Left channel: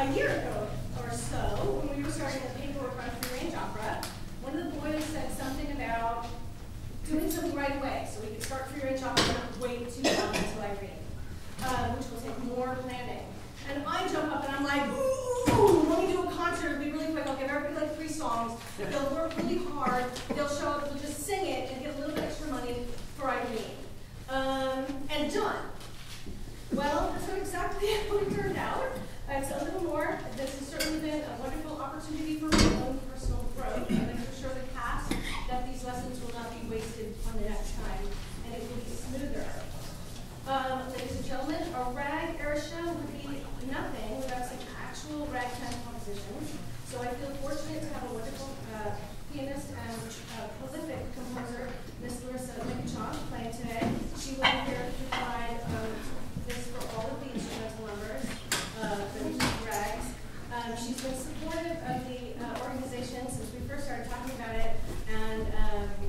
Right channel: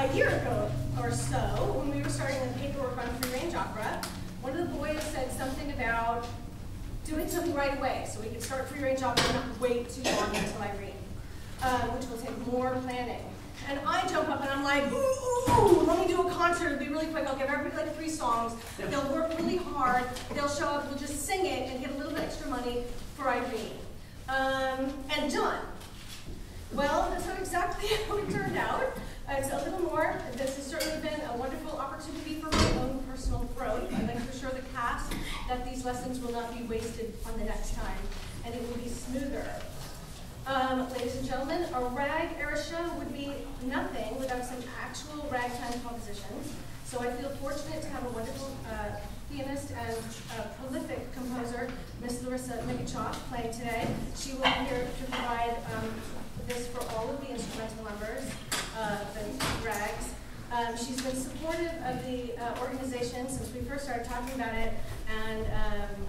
A year ago or so, when we were starting the paperwork on free range opera, one of the boys said something about doing something right away, so we could start free range opera and not wait too long until Irene, which will take more planning. And I jump up and I'm like, ooh, let me do a concert, it'll be really quick, I'll give everybody like 3 songs, they'll work really hard, they'll show up, they'll just sing it and get a little bit extra money for Irene. And done. Well, that's not exactly how it turned out. It's a little more. This has certainly been a wonderful opportunity for my own personal growth. I'd like to assure the cast that these lessons will not be wasted on the next time, and it will be smoother. Ladies and gentlemen, a rag era show would be nothing without some actual ragtime compositions. So I feel fortunate to have a wonderful pianist and prolific composer, Miss Larissa Mikachoff, playing today. She will be here to provide this for all of the instrumental numbers, the rags. She's been supportive of the organization since we first started talking about it, and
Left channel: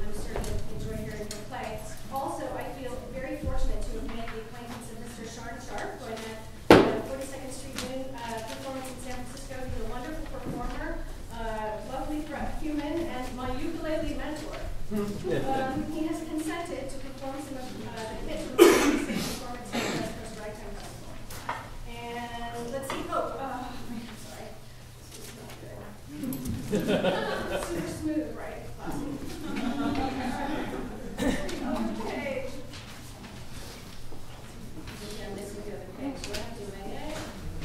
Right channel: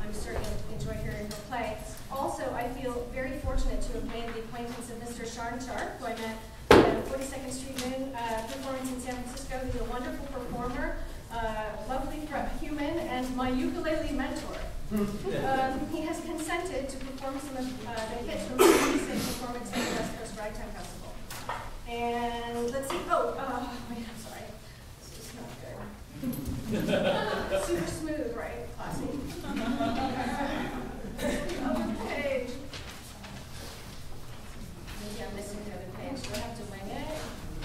I'm certain to enjoy hearing her play. Also, I feel very fortunate to have made the acquaintance of Mr. Sharn Sharp, who I met at the 42nd Street Noon performance in San Francisco. He's a wonderful performer, lovely human, and my ukulele mentor. He has consented to perform some of the hits from the same performance at the West Coast Ragtime Festival. And let's see, wait, I'm sorry. This is not good. Super smooth, right? Classy. Okay. Maybe I'm missing the other page. Do I have to wing it?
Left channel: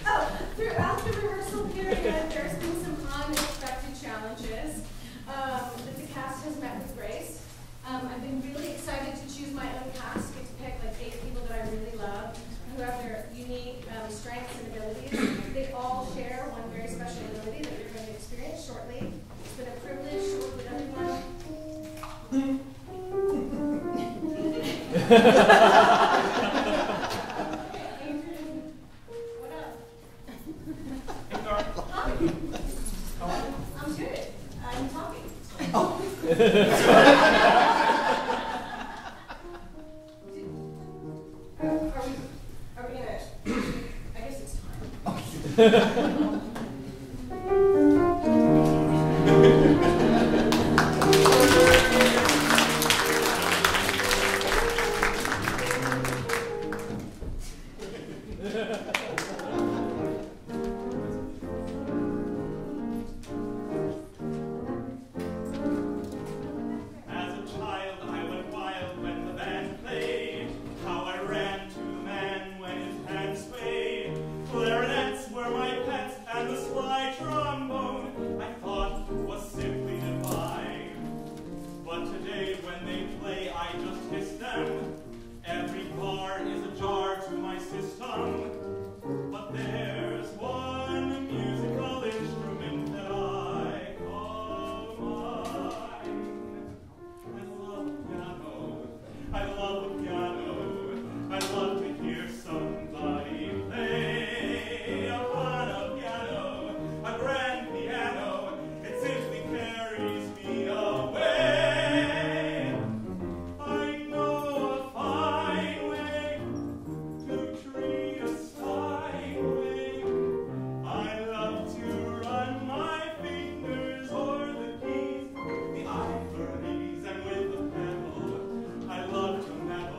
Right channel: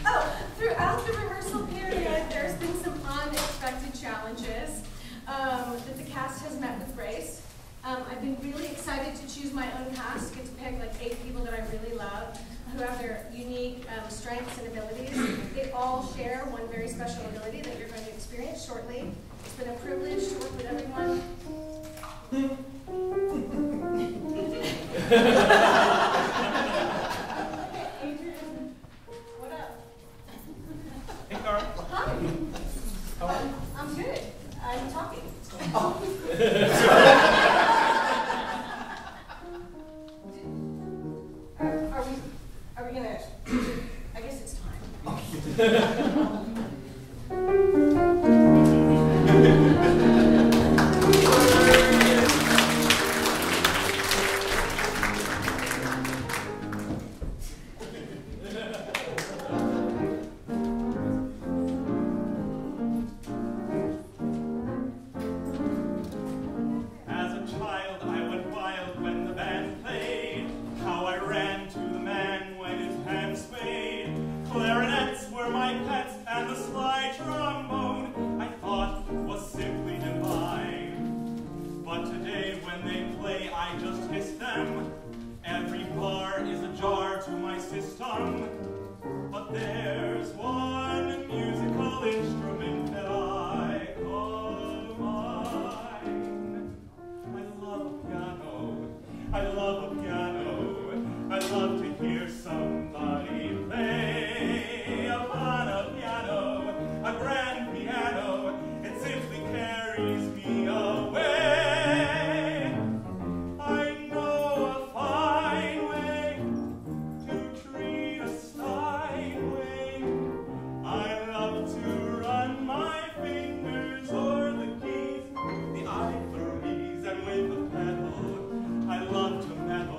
Oh, throughout the rehearsal period, there's been some unexpected challenges that the cast has met with grace. I've been really excited to choose my own cast, get to pick like 8 people that I really love, who have their unique strengths and abilities. They all share one very special ability that you're going to experience shortly. It's been a privilege to work with everyone. Adrian, what up? Hey, Carl. Hi. How are you? I'm good. I'm talking. Oh. Are we gonna? I guess it's time. I love to mellow.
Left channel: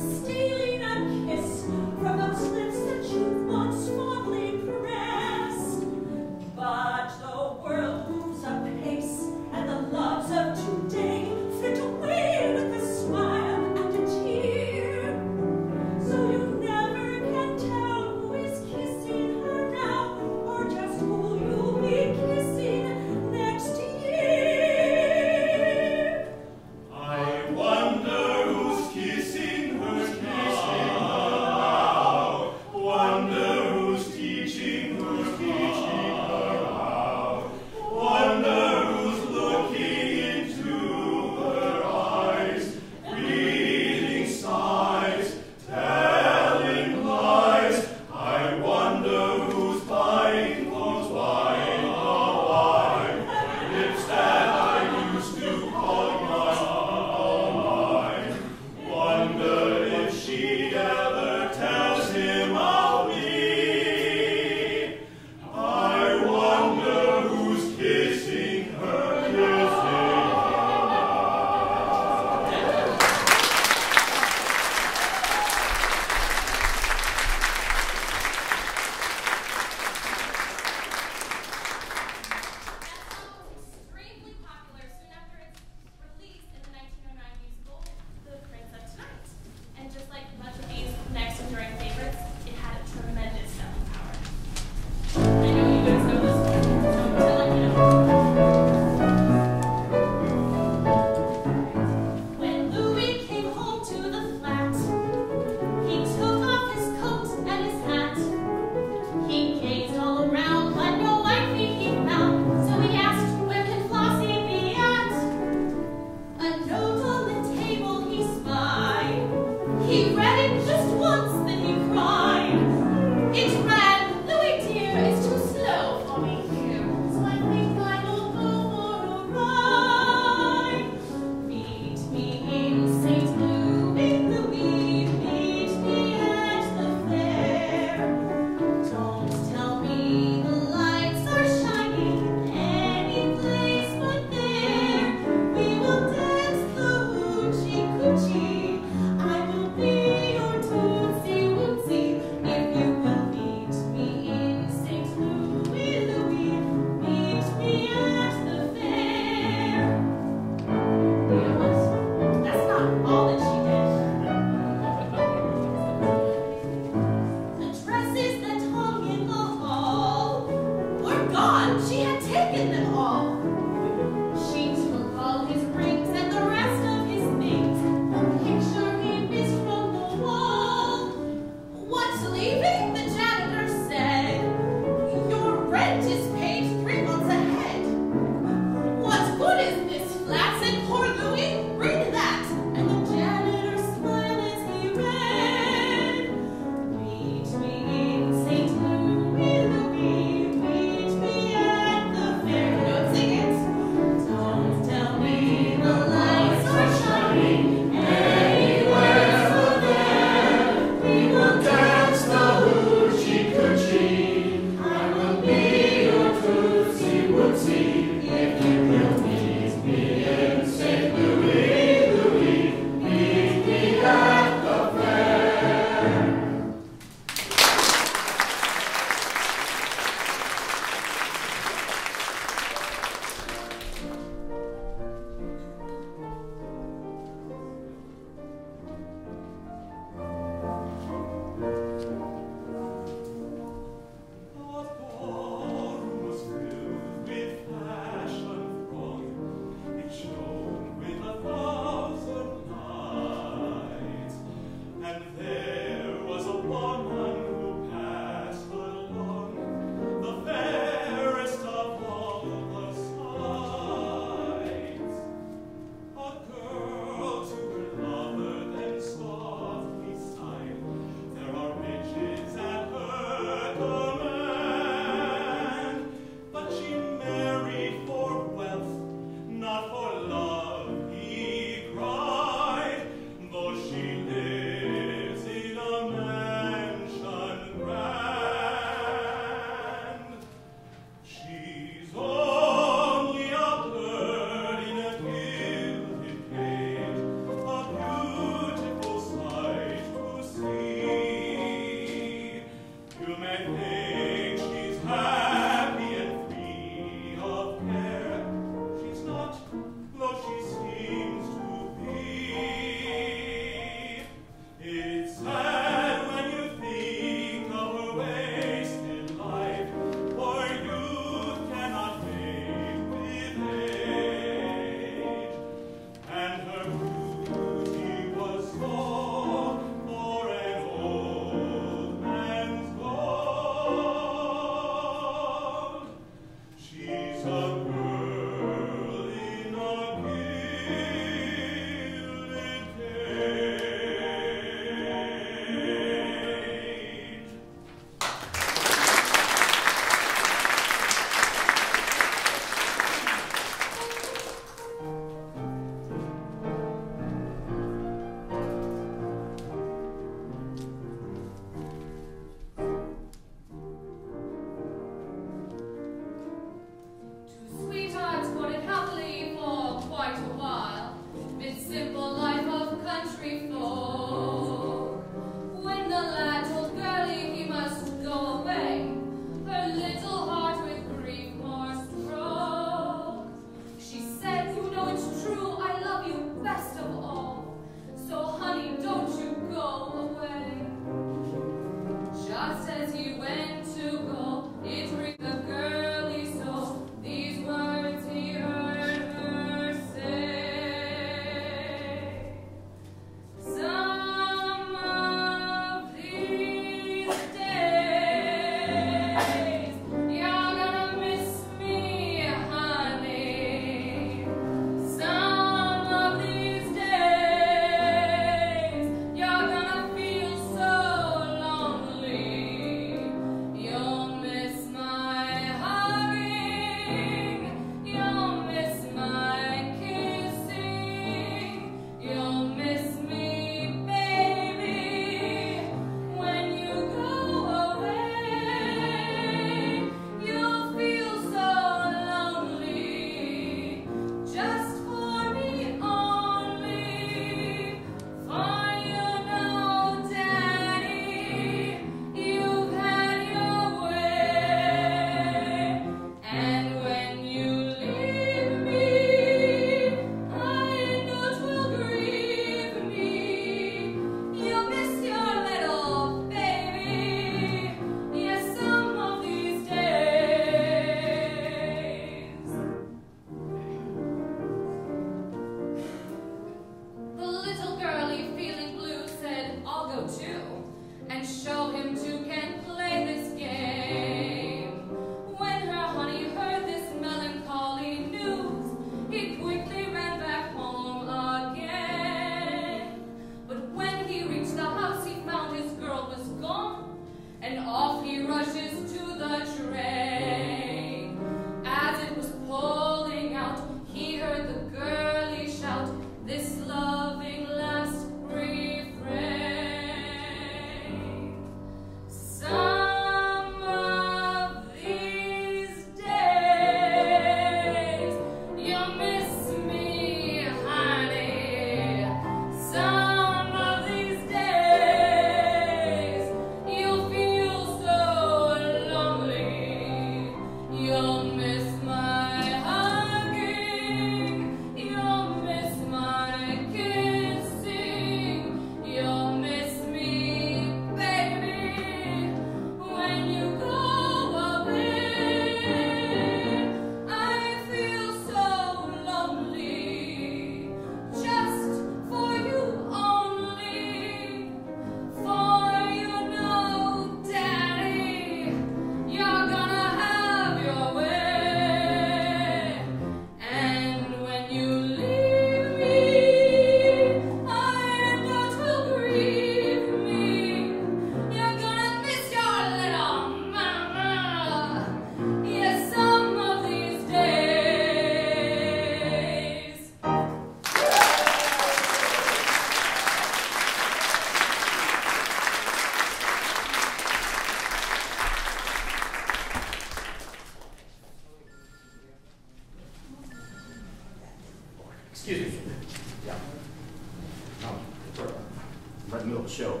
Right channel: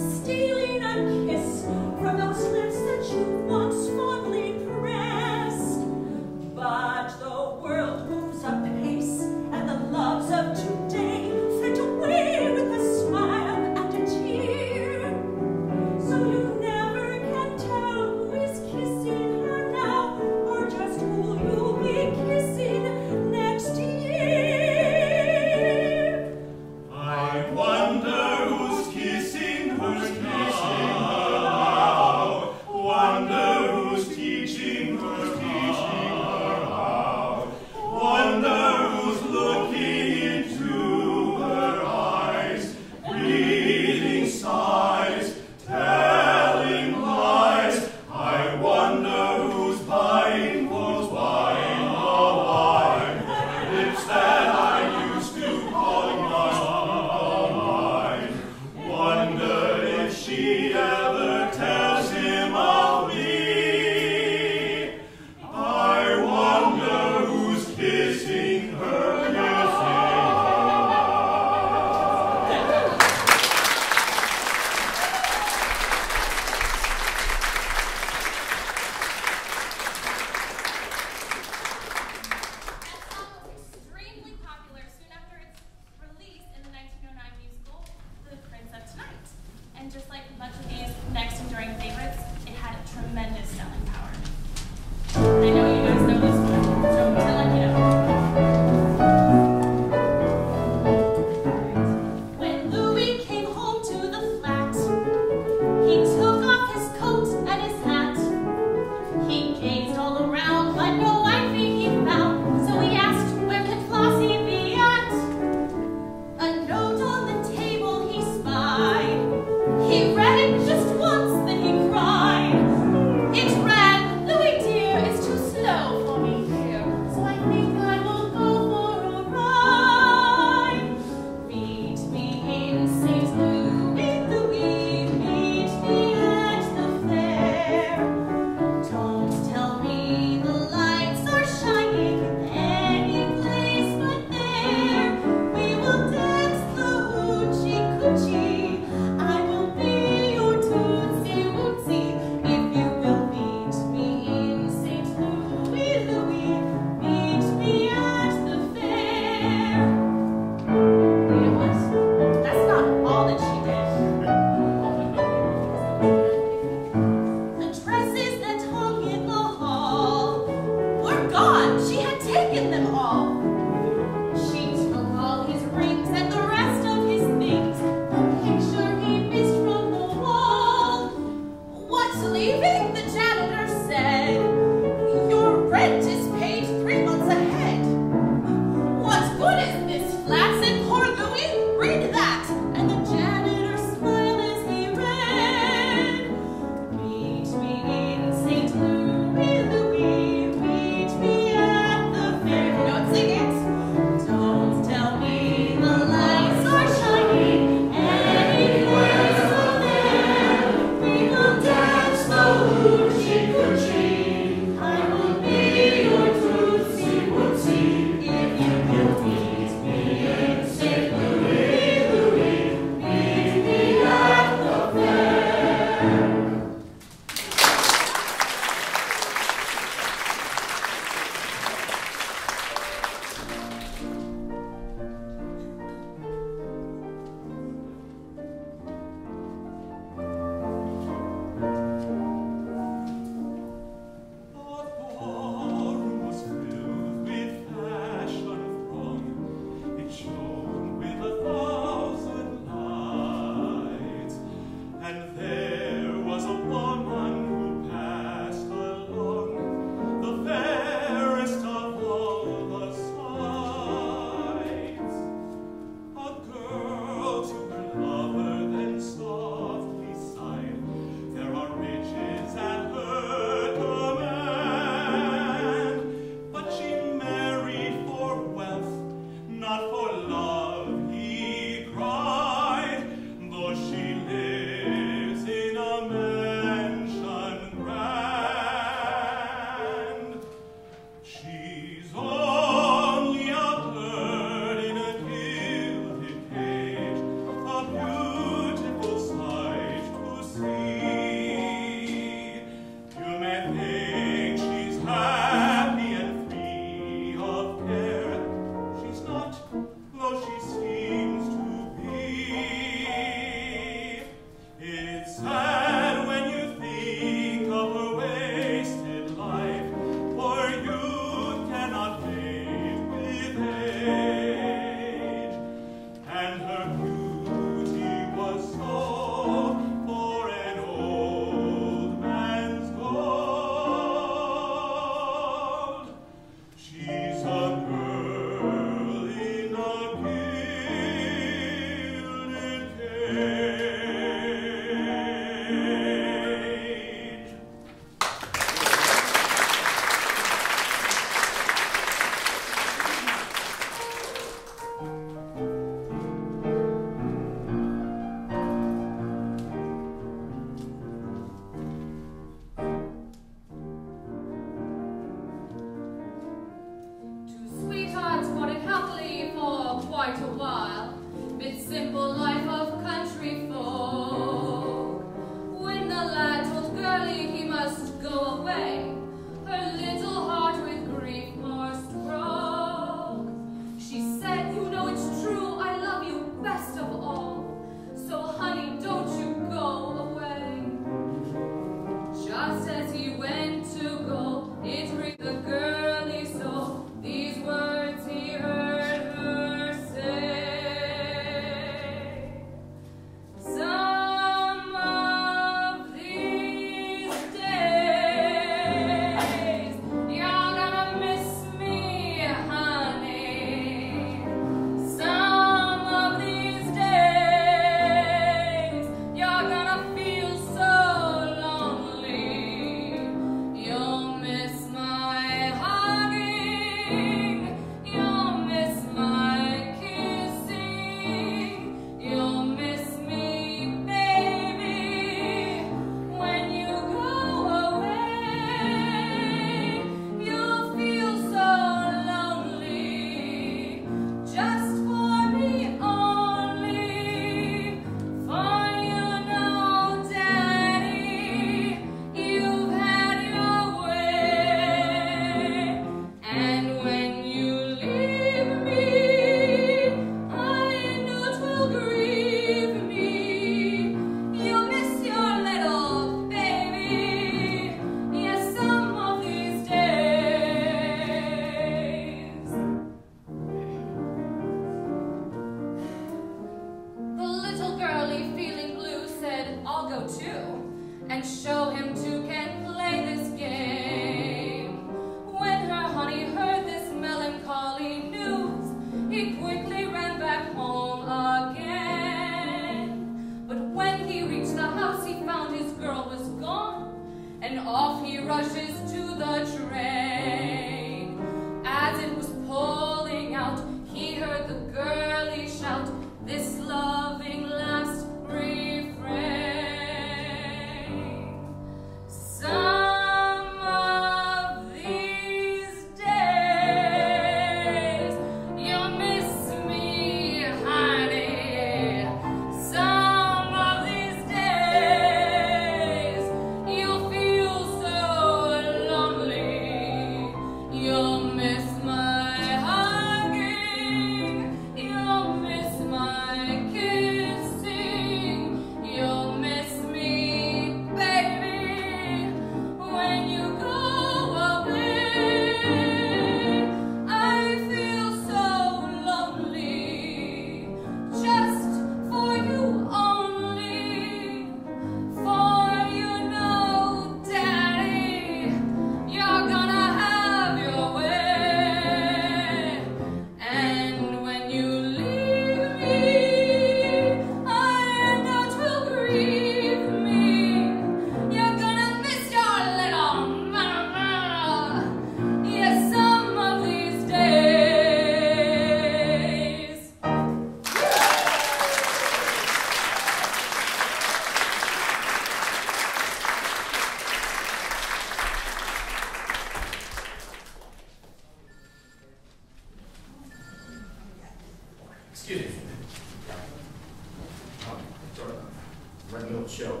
show.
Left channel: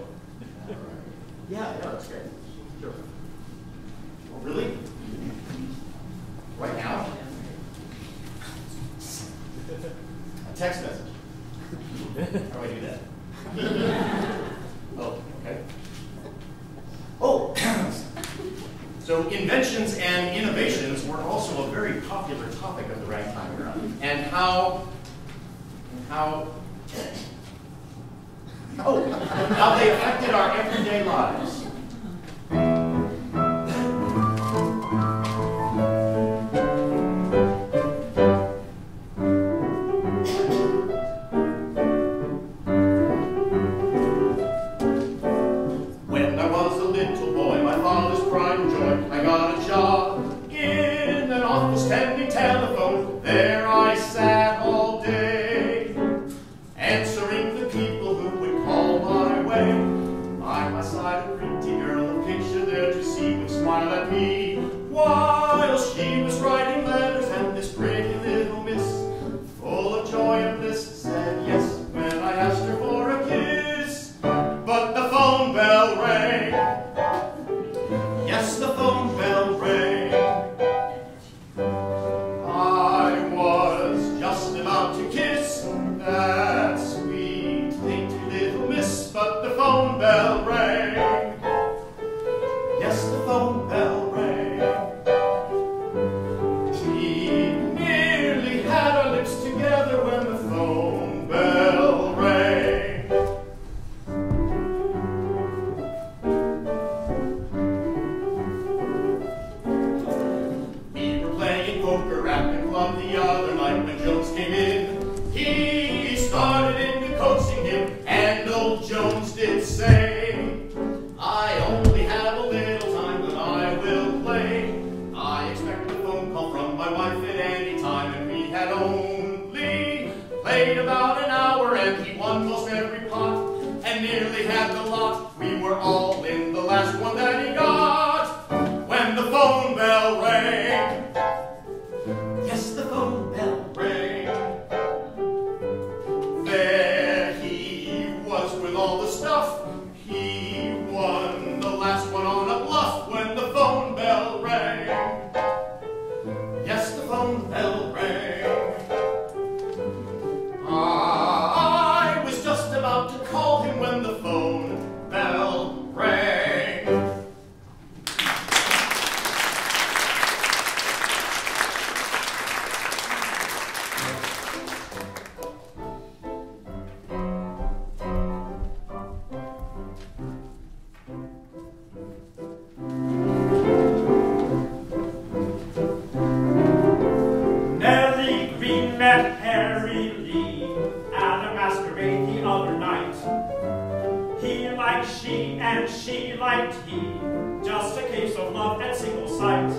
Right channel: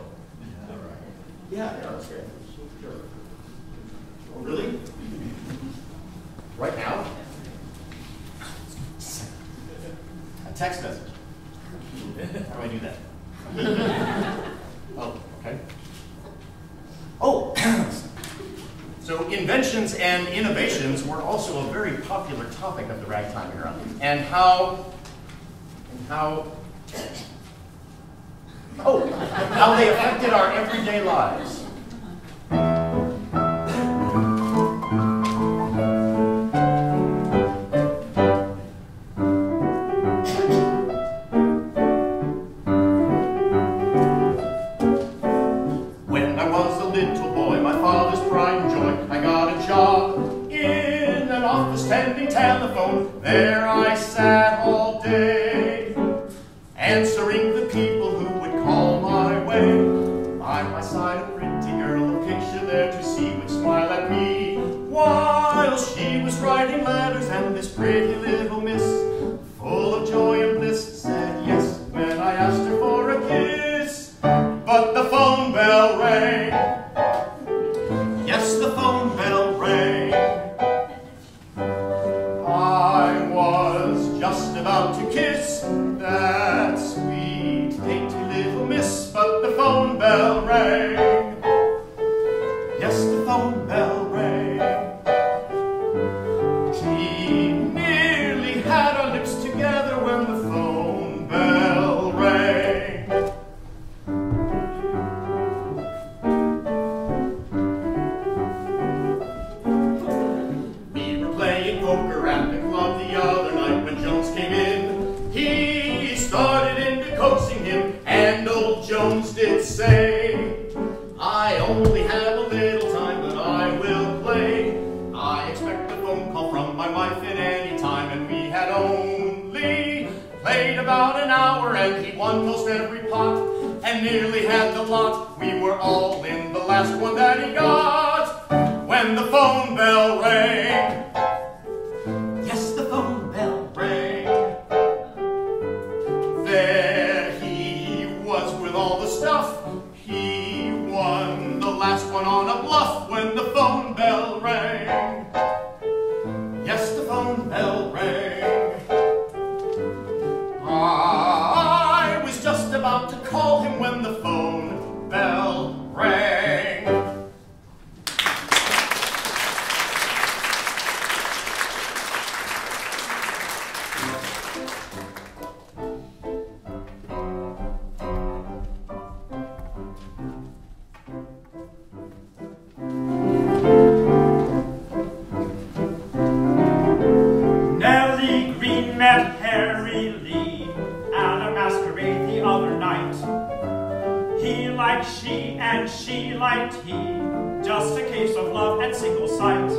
Yeah, that's great. Sure. Oh, really? Right now? A text message. How do I do that? Oh, okay. Oh, so inventions and innovations were also a very popular topic of the Ragtime era, and how they affected our everyday lives. Jones did say, I only have a little time, but I will play. I expect a phone call from my wife at any time, and we had only played about an hour, and he won most every pot, and nearly had the lot. We were all in the last one that he got, when the phone bell rang. Yes, the phone bell rang. There he was with all the stuff. He won the last one on a bluff, when the phone bell rang. Yes, the phone bell rang. I was just about to call him when the phone bell rang. Nellie Green met Harry Lee at a masquerade the other night. He liked she and she liked he, just a case of love at single sight.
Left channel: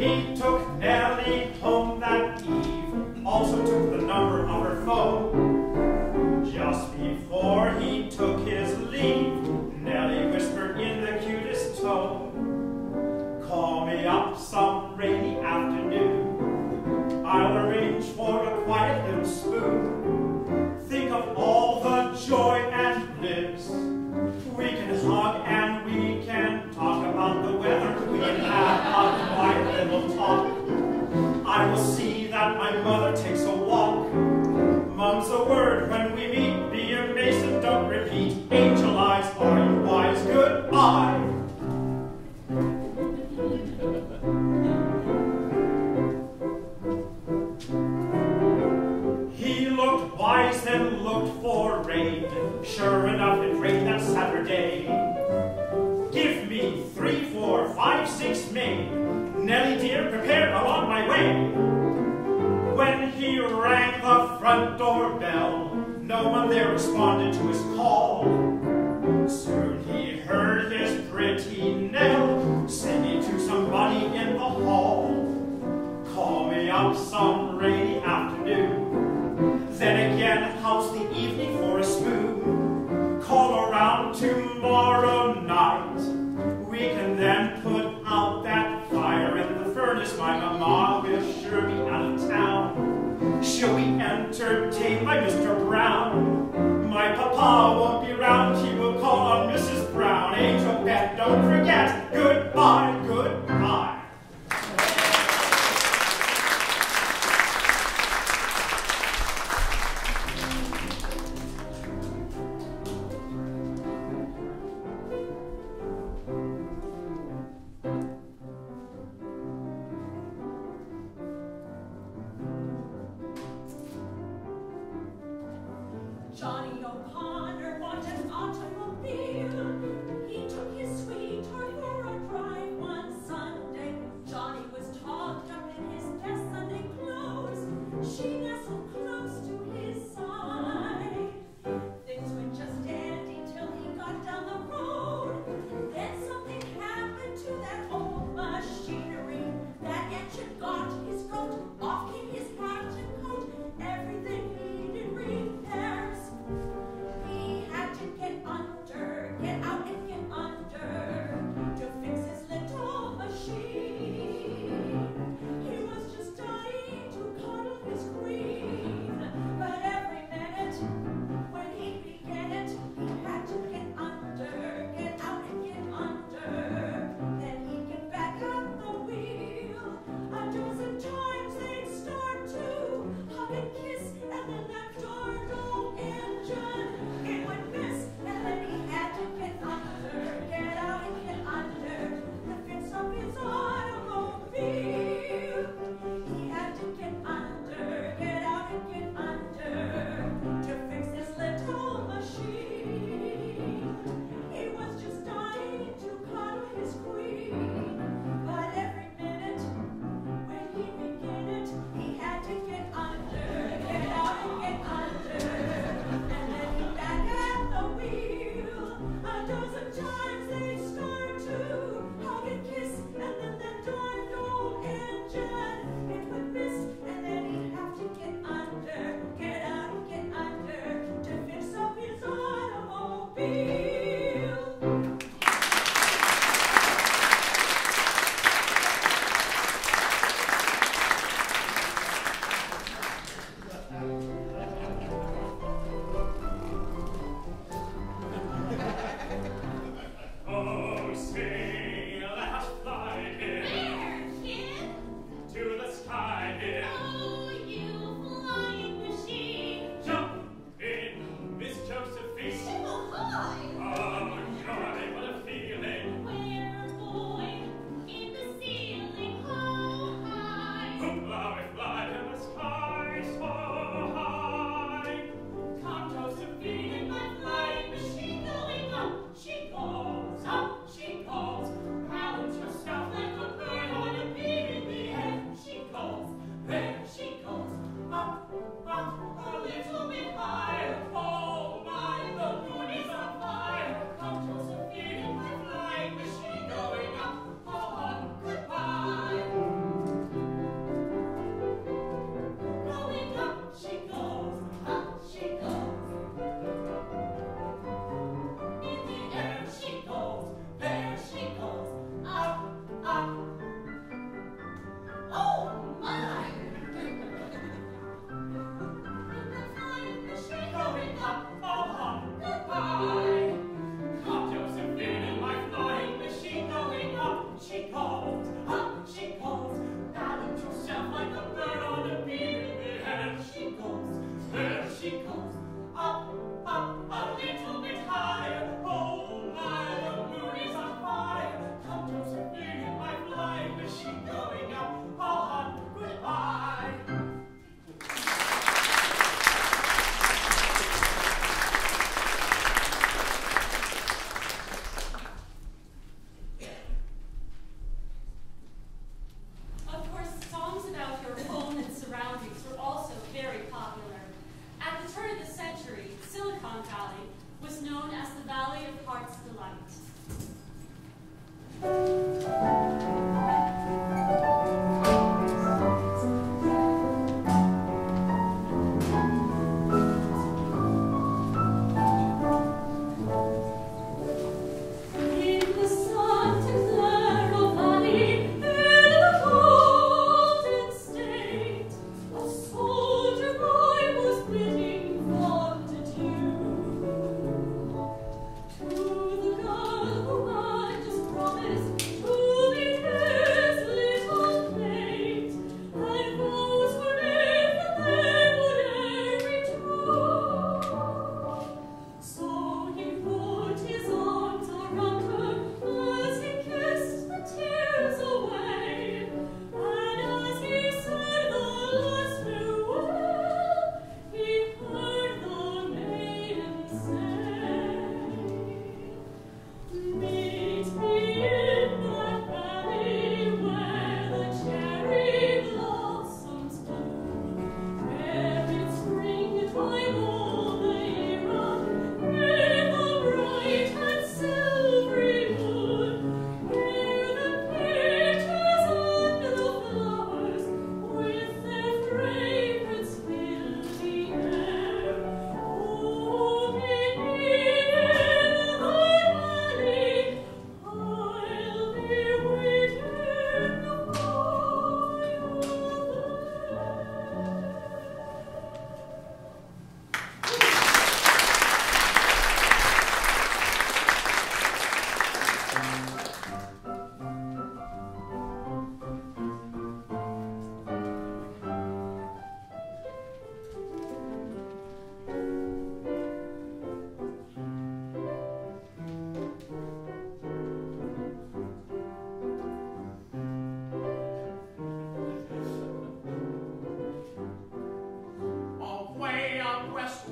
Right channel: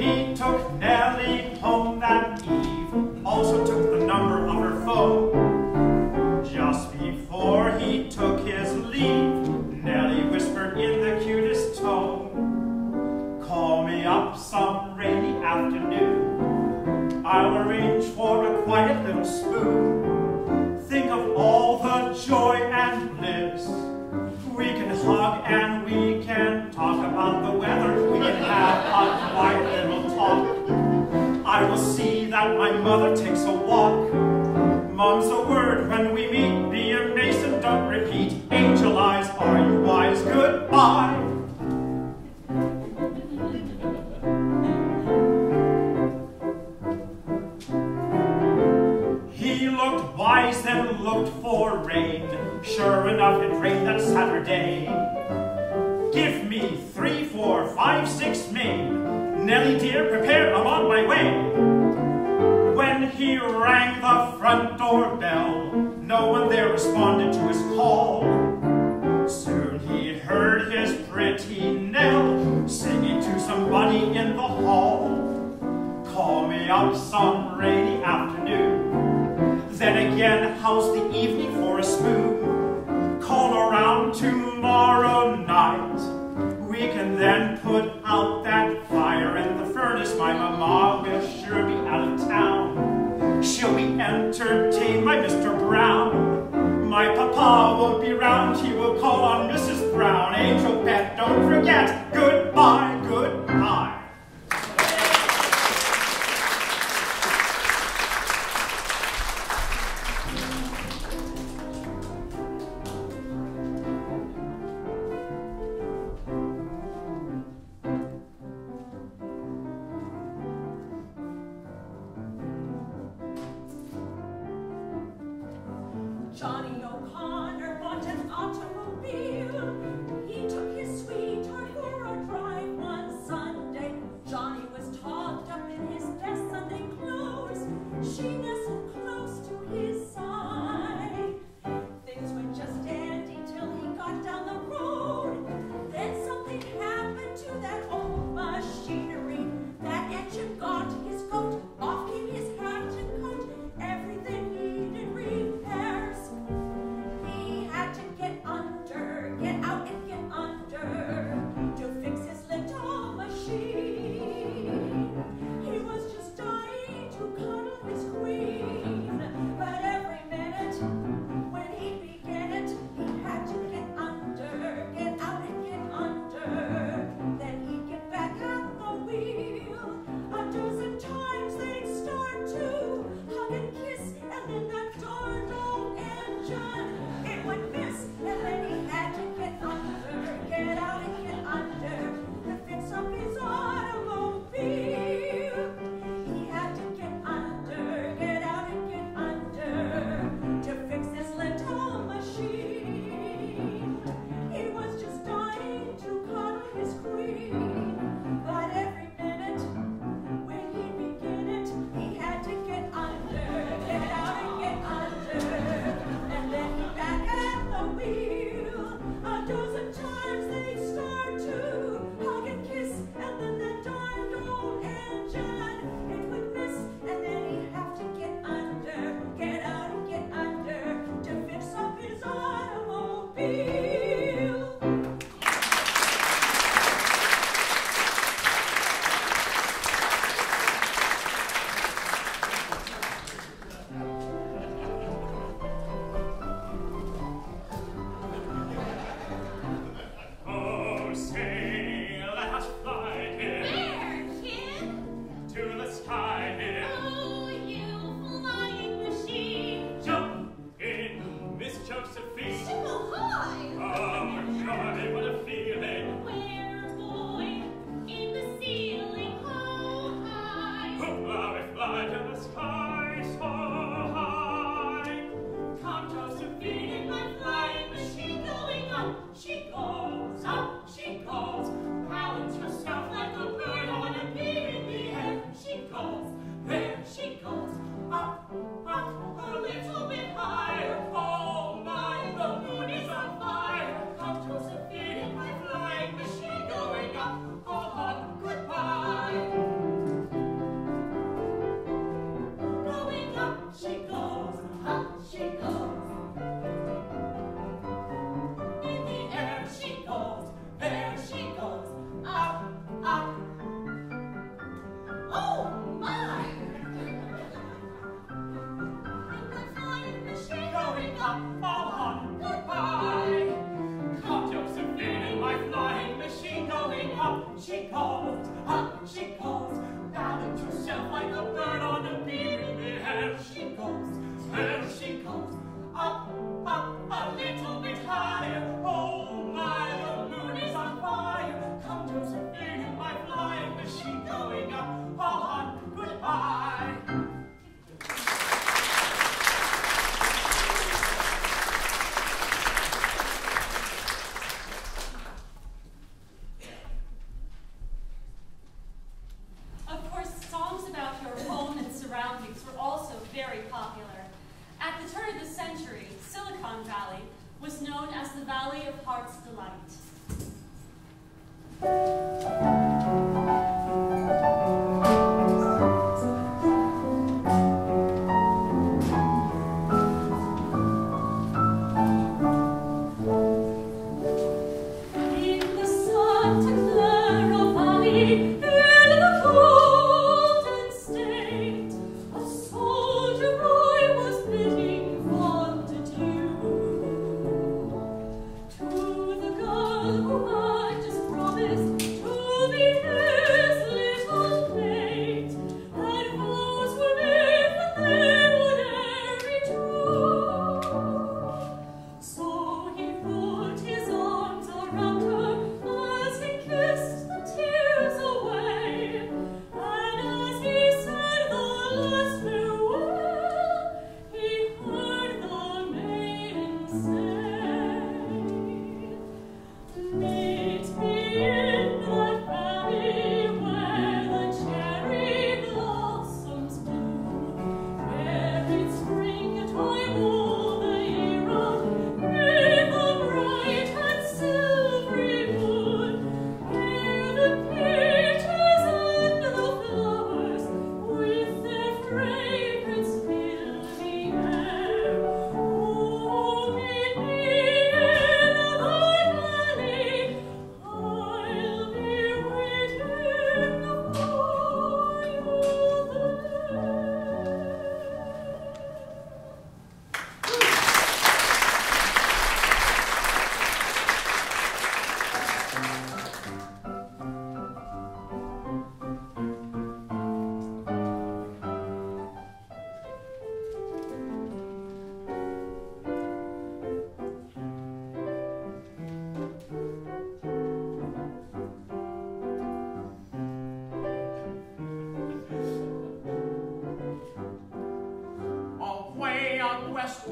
He took Nellie home that eve, also took the number of her phone. Just before he took his leave, Nellie whispered in the cutest tone, call me up some rainy afternoon. I'll arrange for a quiet little spoon. Think of all the joy and bliss. We can hug and we can talk about the weather. We can have a quiet little talk. I will see that my mother takes a walk. Mum's a word when we meet. Be a mason, don't repeat. Angel eyes, are you wise? Goodbye. He looked wise, then looked for rain. Sure enough, it rained that Saturday. Give me 3, 4, 5, 6 Maine. Nellie dear, prepare, I'm on my way. When he rang the front door bell, no one there responded to his call. Soon he heard his pretty Nell singing to somebody in the hall. Call me up some rainy afternoon. Then again, how's the evening for a spoon? Call around tomorrow night. We can then put out that fire in the furnace. My mama will sure be out of town. She'll be entertained by Mr. Brown. My papa won't be round. He will call on Mrs. Brown. Angel pet, don't forget. Goodbye, goodbye. Johnny O'Connor bought an automobile. He took his sweetheart for a drive one Sunday. Johnny was togged up in his best Sunday clothes. She nestled close to his side. Things went just dandy till he got down the road. Then something happened to that old machinery. That engine got his coat, off came his hat and coat. Everything needed repairs. He had to get under, get out, and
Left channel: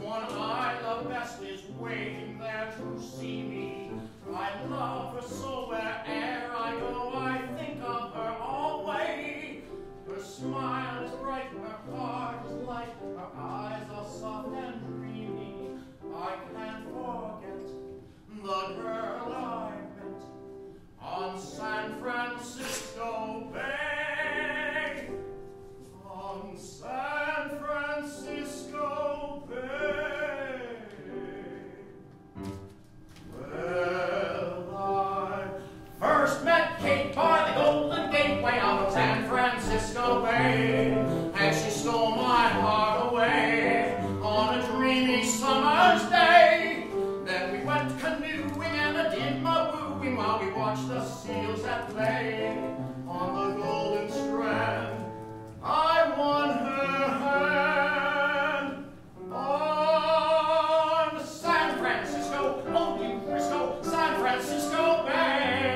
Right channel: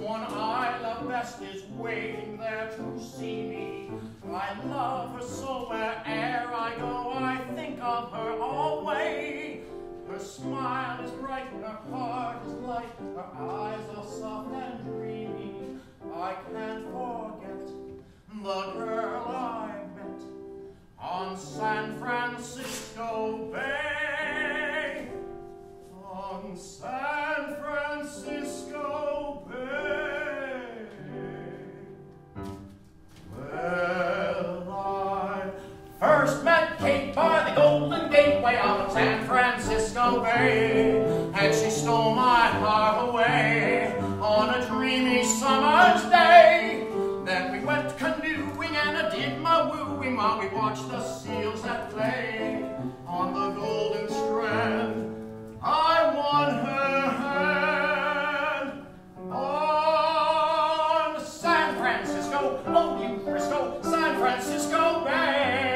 one I love best is waiting there to see me. I love her so where'er I go, I think of her always. Her smile is bright, her heart is light, her eyes are soft and dreamy. I can't forget the girl I met on San Francisco Bay. On San Francisco Bay.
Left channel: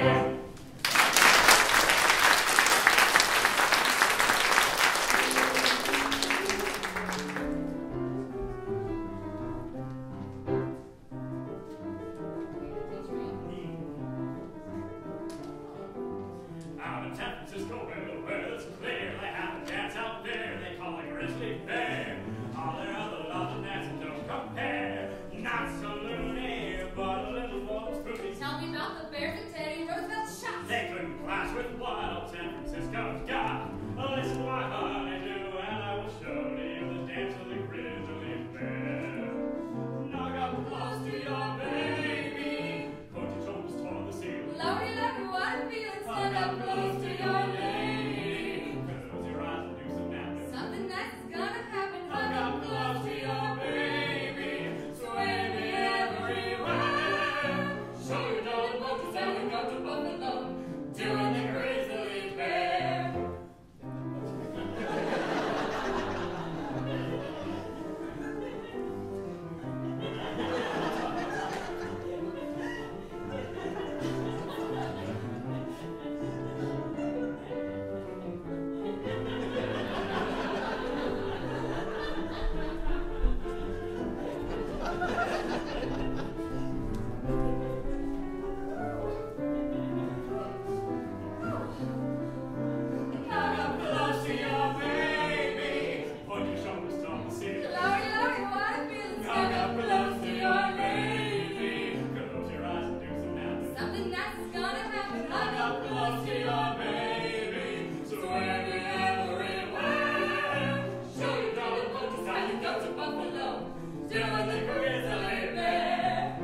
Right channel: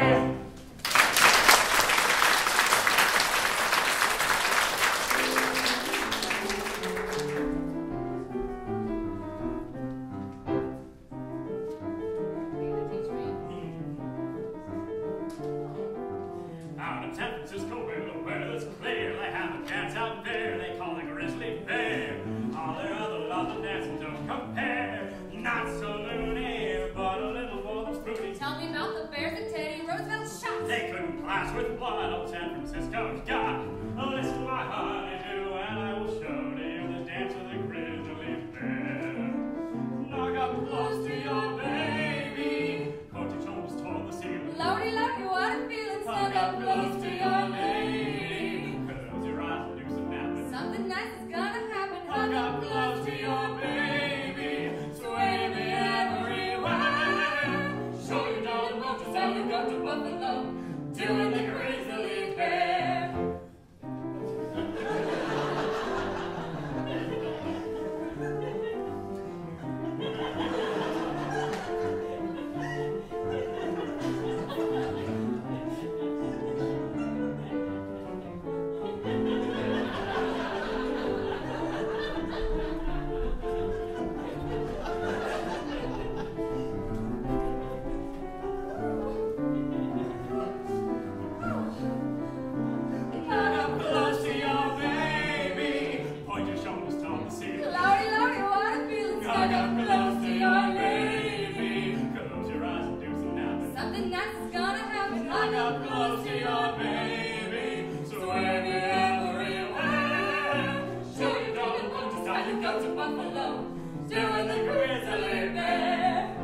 Out in San Francisco, where the weather's clear, they have a dance out there they call it Grizzly Bear. All their other London dances don't compare. Not so loony, but a little more than spooky. Tell me about the bears that Teddy Roosevelt shot. They couldn't clash with what old San Francisco's got. Listen, my honey-do, and I will show to you the dance of the Grizzly Bear. Knock up close to your baby, put your shoulders toward the ceiling. Lordy, lordy, what a feeling, stand up close to your lady. Close your eyes and do some napping. Something nice is gonna happen. Hug up close to your baby, sway me everywhere. Show your dog motions and look up to Buffalo, doing the Grizzly Bear. Hug up close to your baby, point your shoulders toward the ceiling. Lordy, lordy, what a feeling, stand up close to your lady. Close your eyes and do some napping. Something nice is gonna happen. Hug up close to your baby, sway me everywhere. Show your dog motions how you go to Buffalo, doing the Grizzly Bear.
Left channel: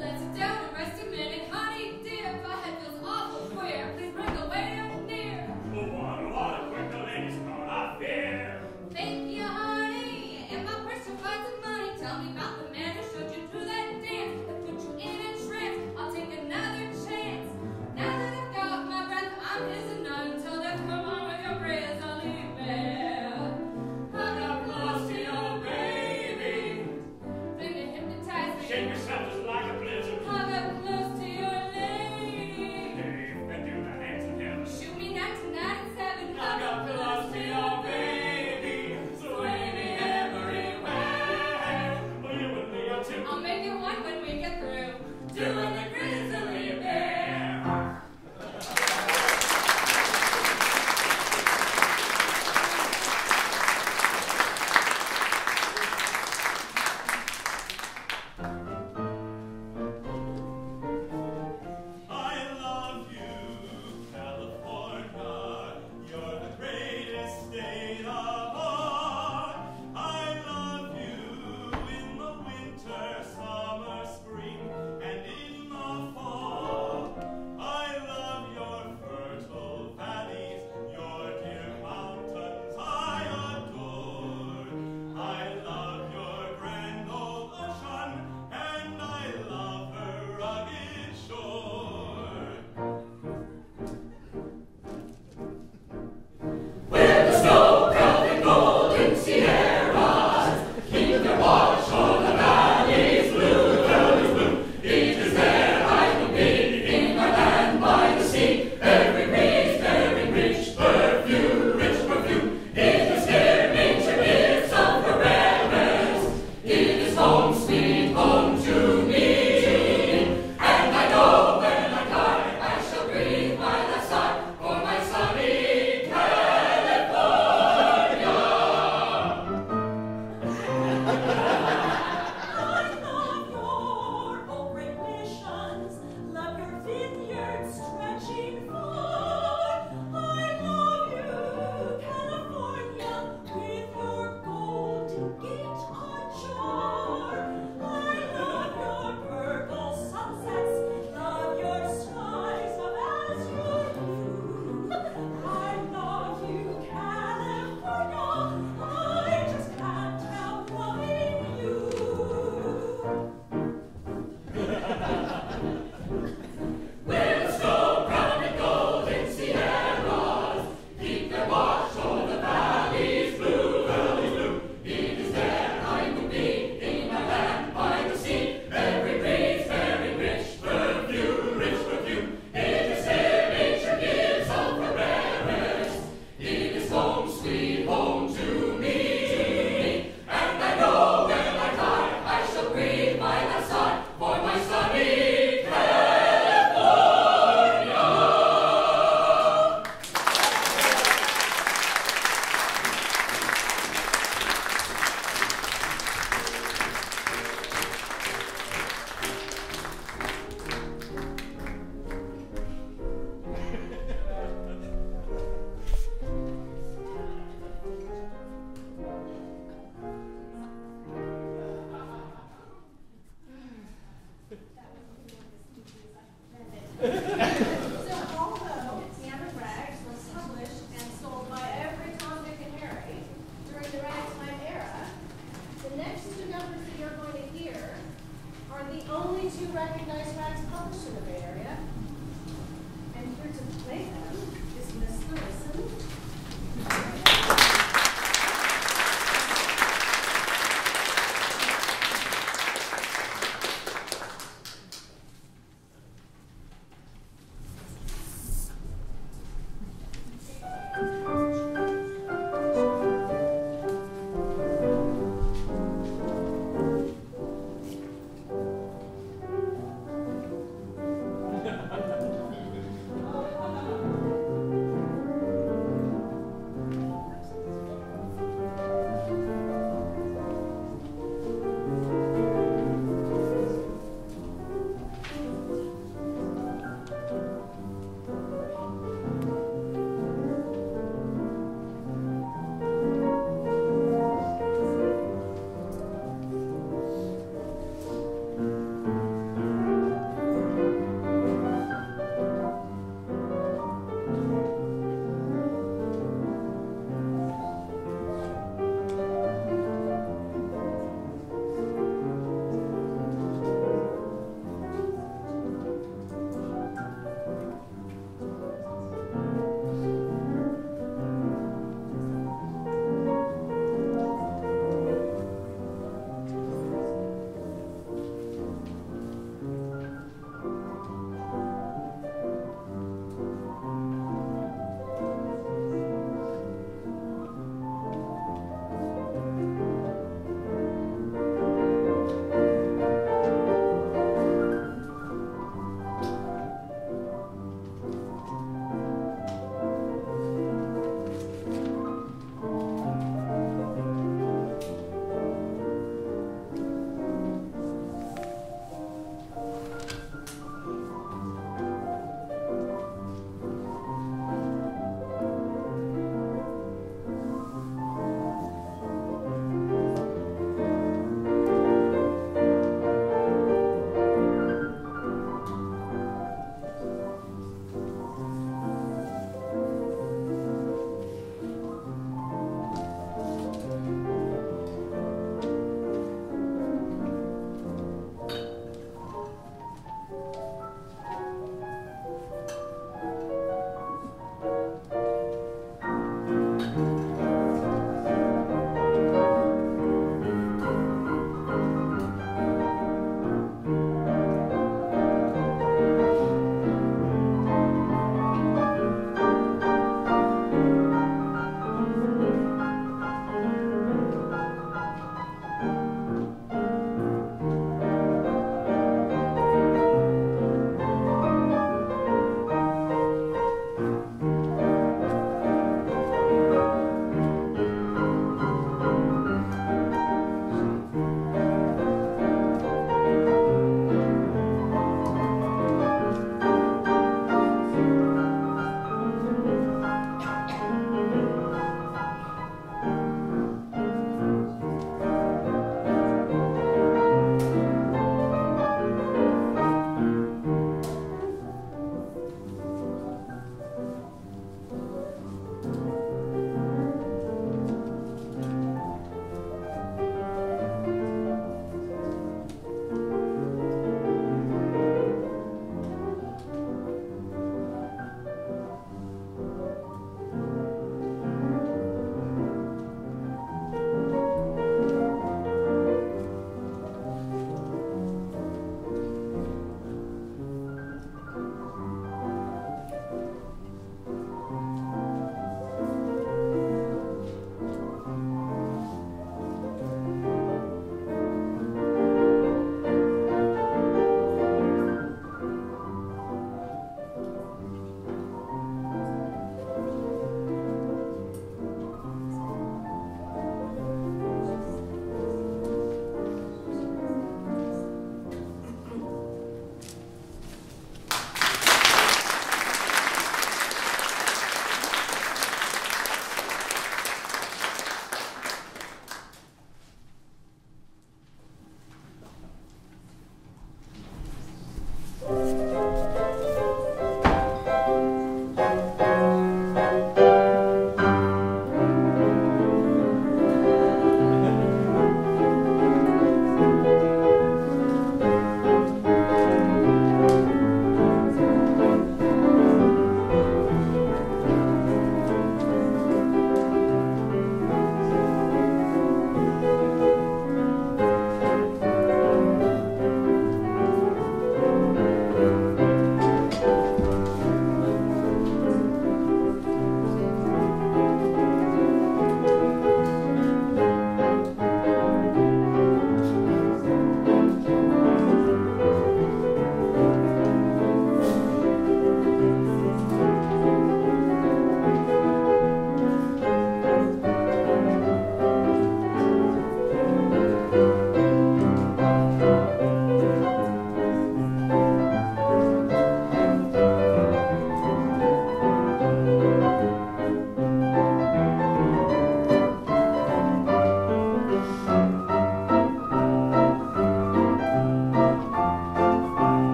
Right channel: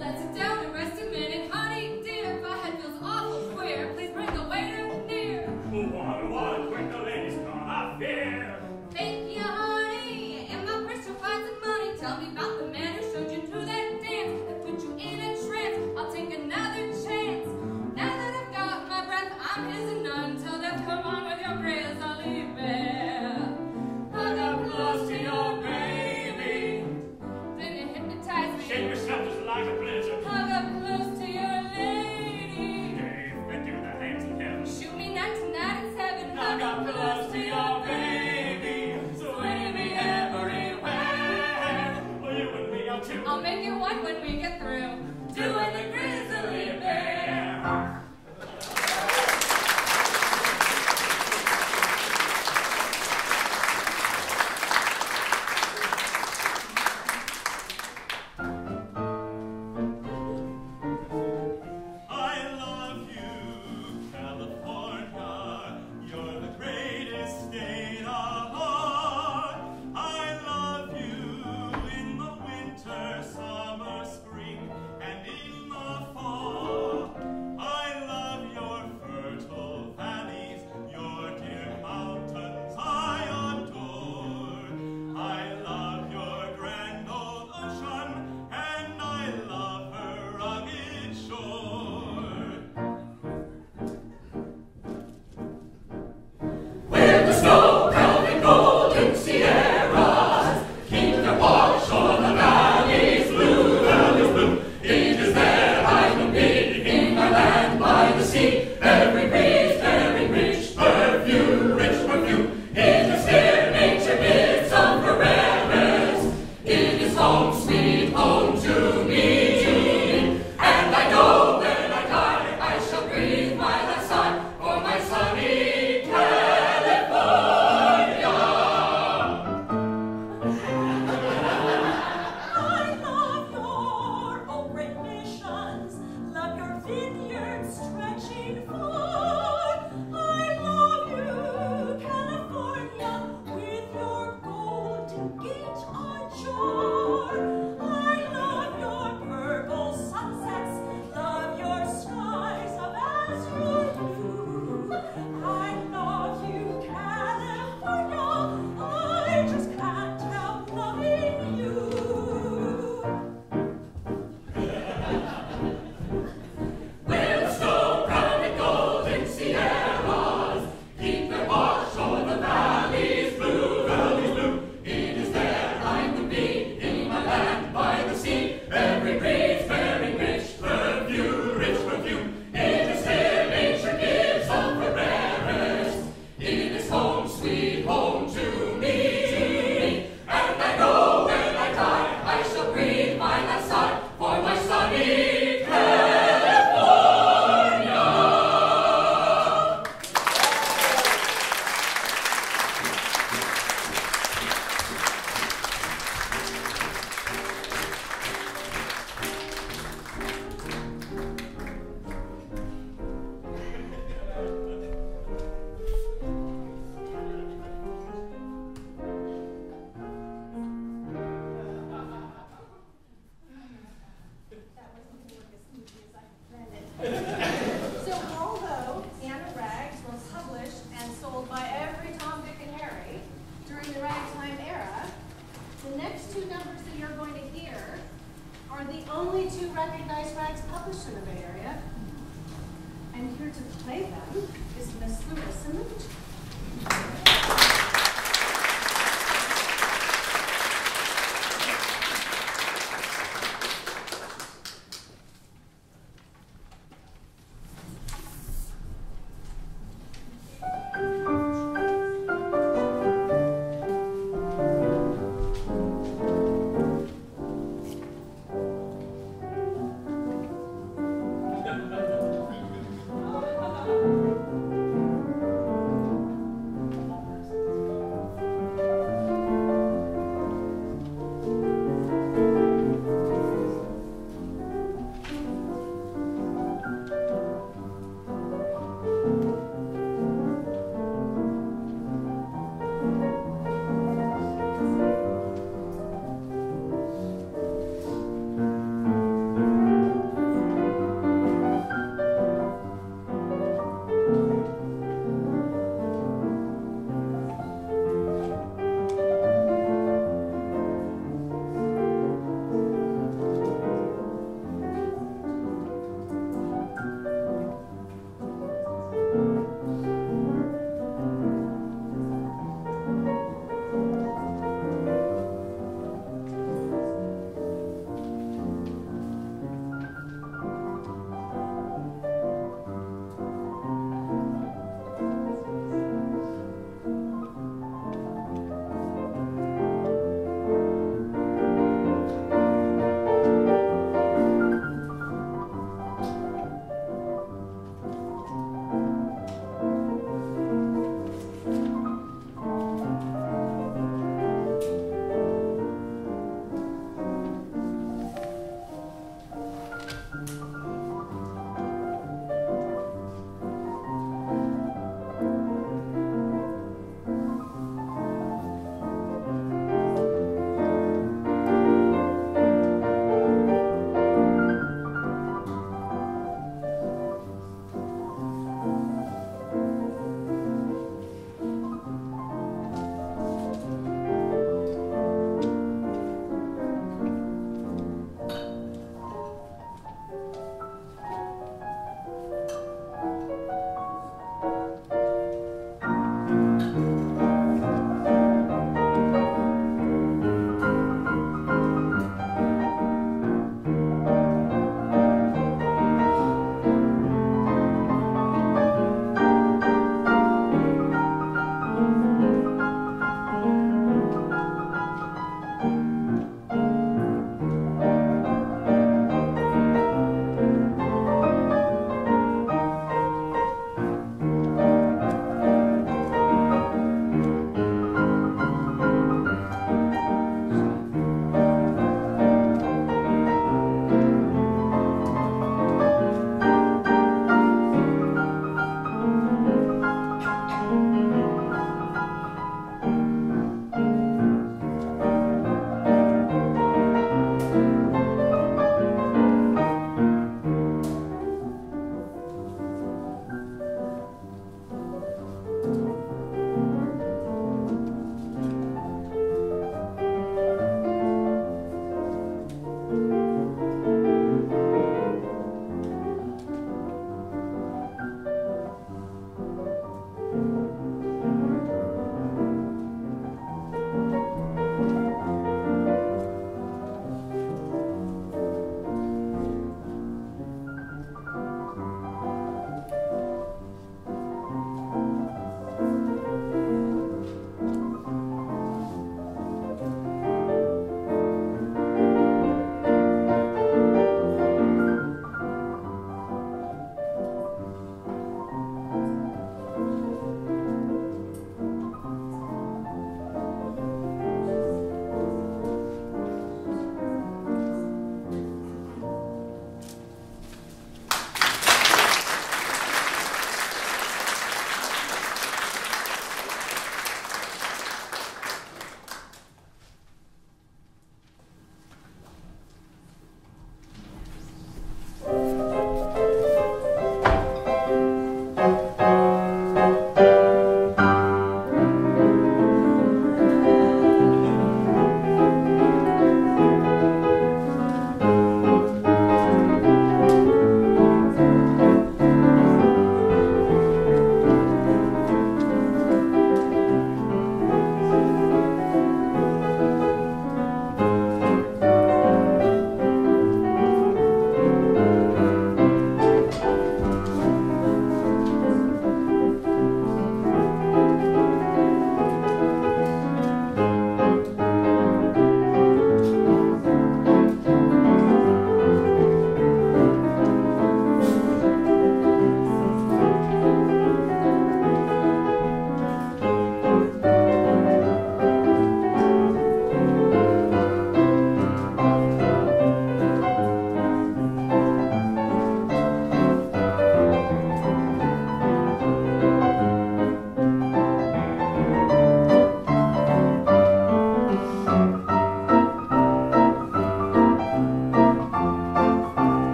Let's sit down and rest a minute, honey dear. My head feels awful queer. Please bring the waiter near. What, quick, the lady's gonna fear. Thank you, honey. In my purse you'll find some money. Tell me about the man who showed you through that dance that put you in a trance. I'll take another chance. Now that I've got my breath, I'm his and none. Till death come on with your Grizzly Bear. Hug up close to your baby. Then you hypnotize me. Shake yourself just like a blizzard. Hug up close to your lady. Hey, and do the hands in heaven. Shoot me not tonight, it's heaven. Hug up close to your baby.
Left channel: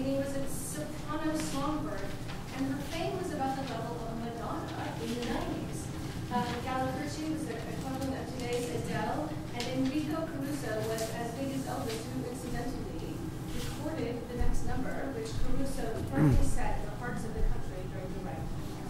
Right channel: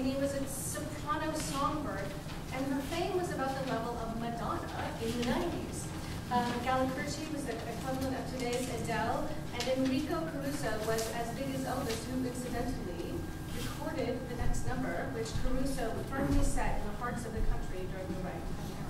Jeannie was a soprano songbird, and her fame was about the level of Madonna in the 90s. Gallicurci was the equivalent of today's Adele, and Enrico Caruso was as big as Elvis, who incidentally recorded the next number, which Caruso firmly set in the hearts of the country during the Ragtime era.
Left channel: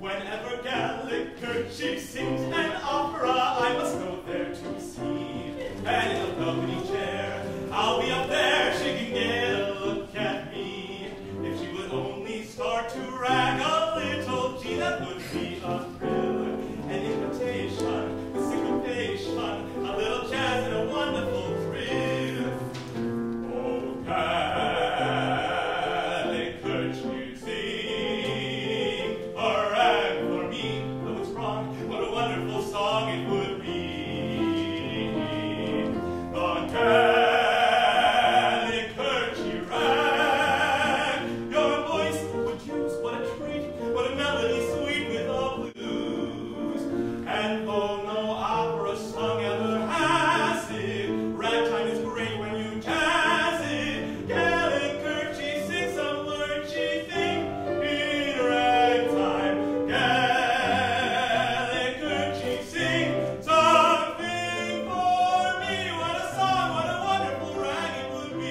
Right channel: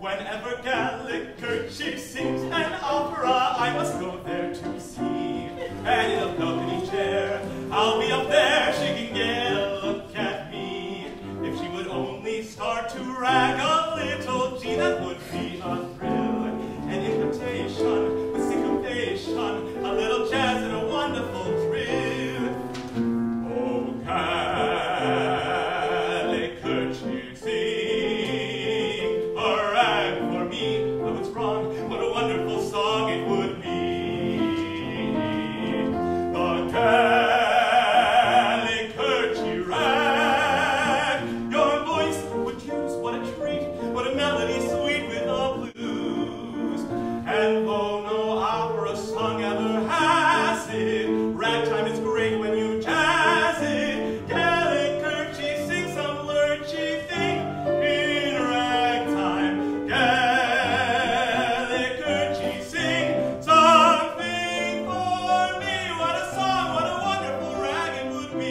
Whenever Gallicurci sings an opera, I must go there to see. And in a balcony chair, I'll be up there, she can get a look at me. If she would only start to rag a little, gee, that would be a thrill. An invitation with syncopation, a little jazz and a wonderful thrill. Oh, Gallicurci, sing a rag for me. Though it's wrong, what a wonderful song it would be. The Gallicurci rag, your voice would use, what a treat, what a melody sweet with the blues. And though no opera song ever has it, ragtime is great when you jazz it. Gallicurci, sing some lurchy thing in ragtime. Gallicurci, sing something for me. What a song, what a wonderful rag it would be.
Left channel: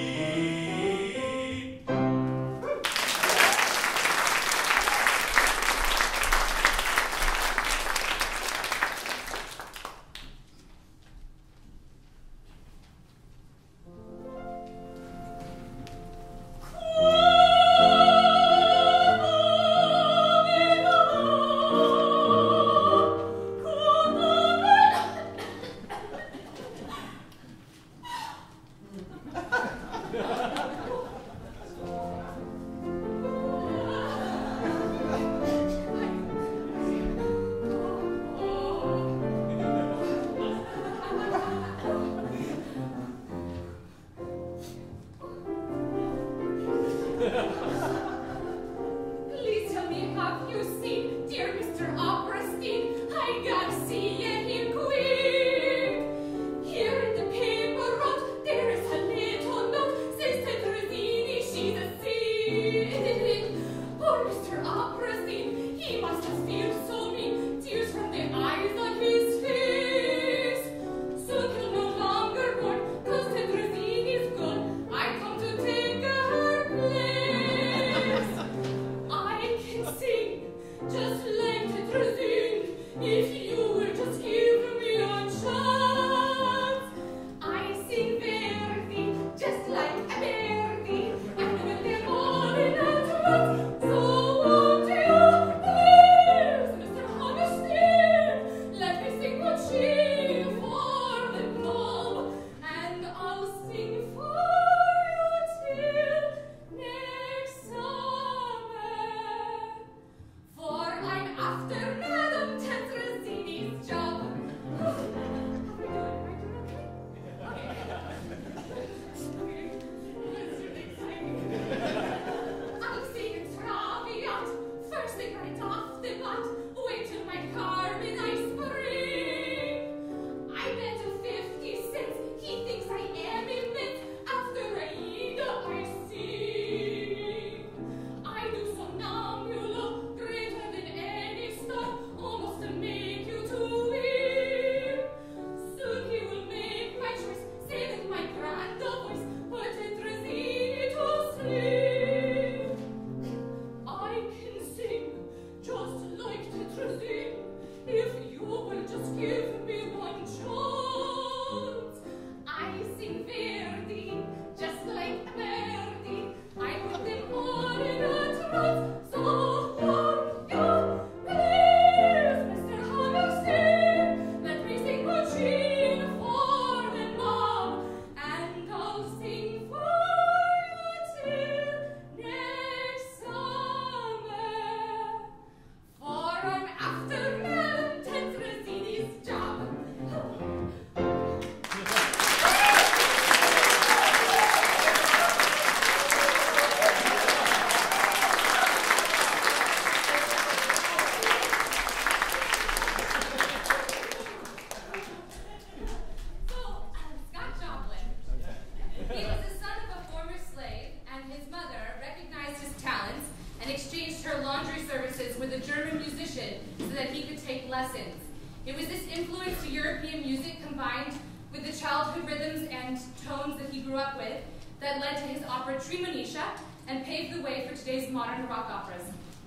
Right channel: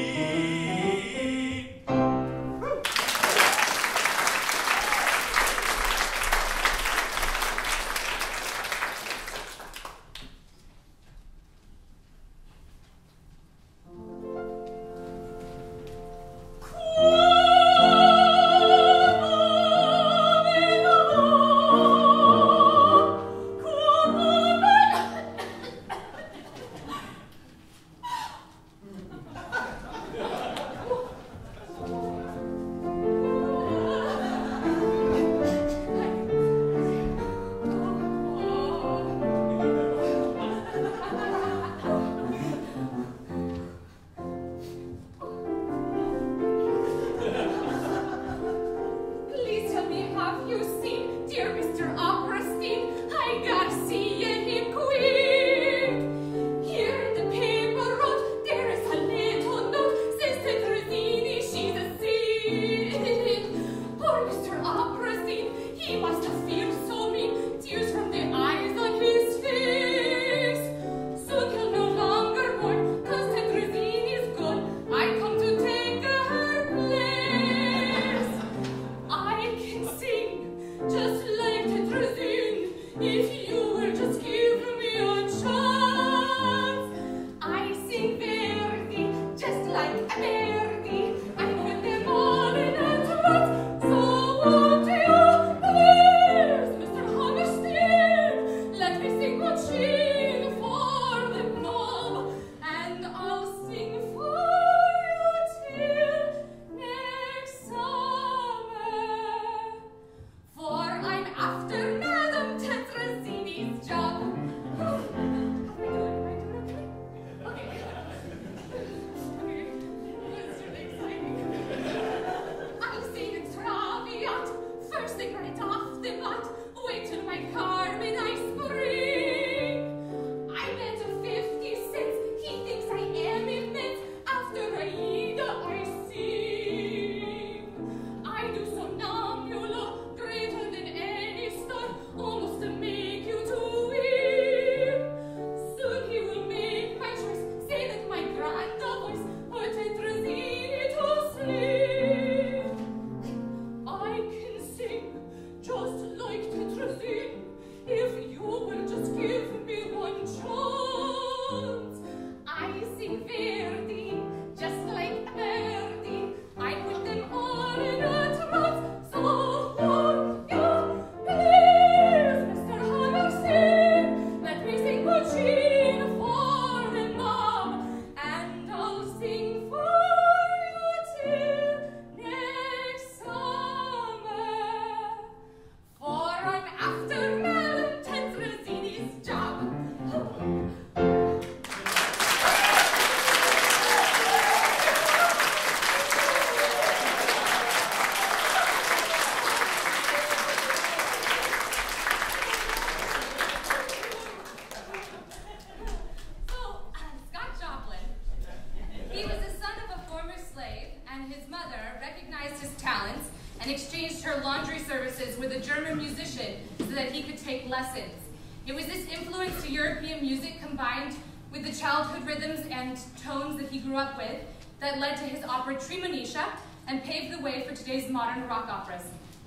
lessons. It was this influence to European music combined with the childhood rhythms and tones that he grew up with that led to his opera Tremonisha and paved the way for today's modern rock operas.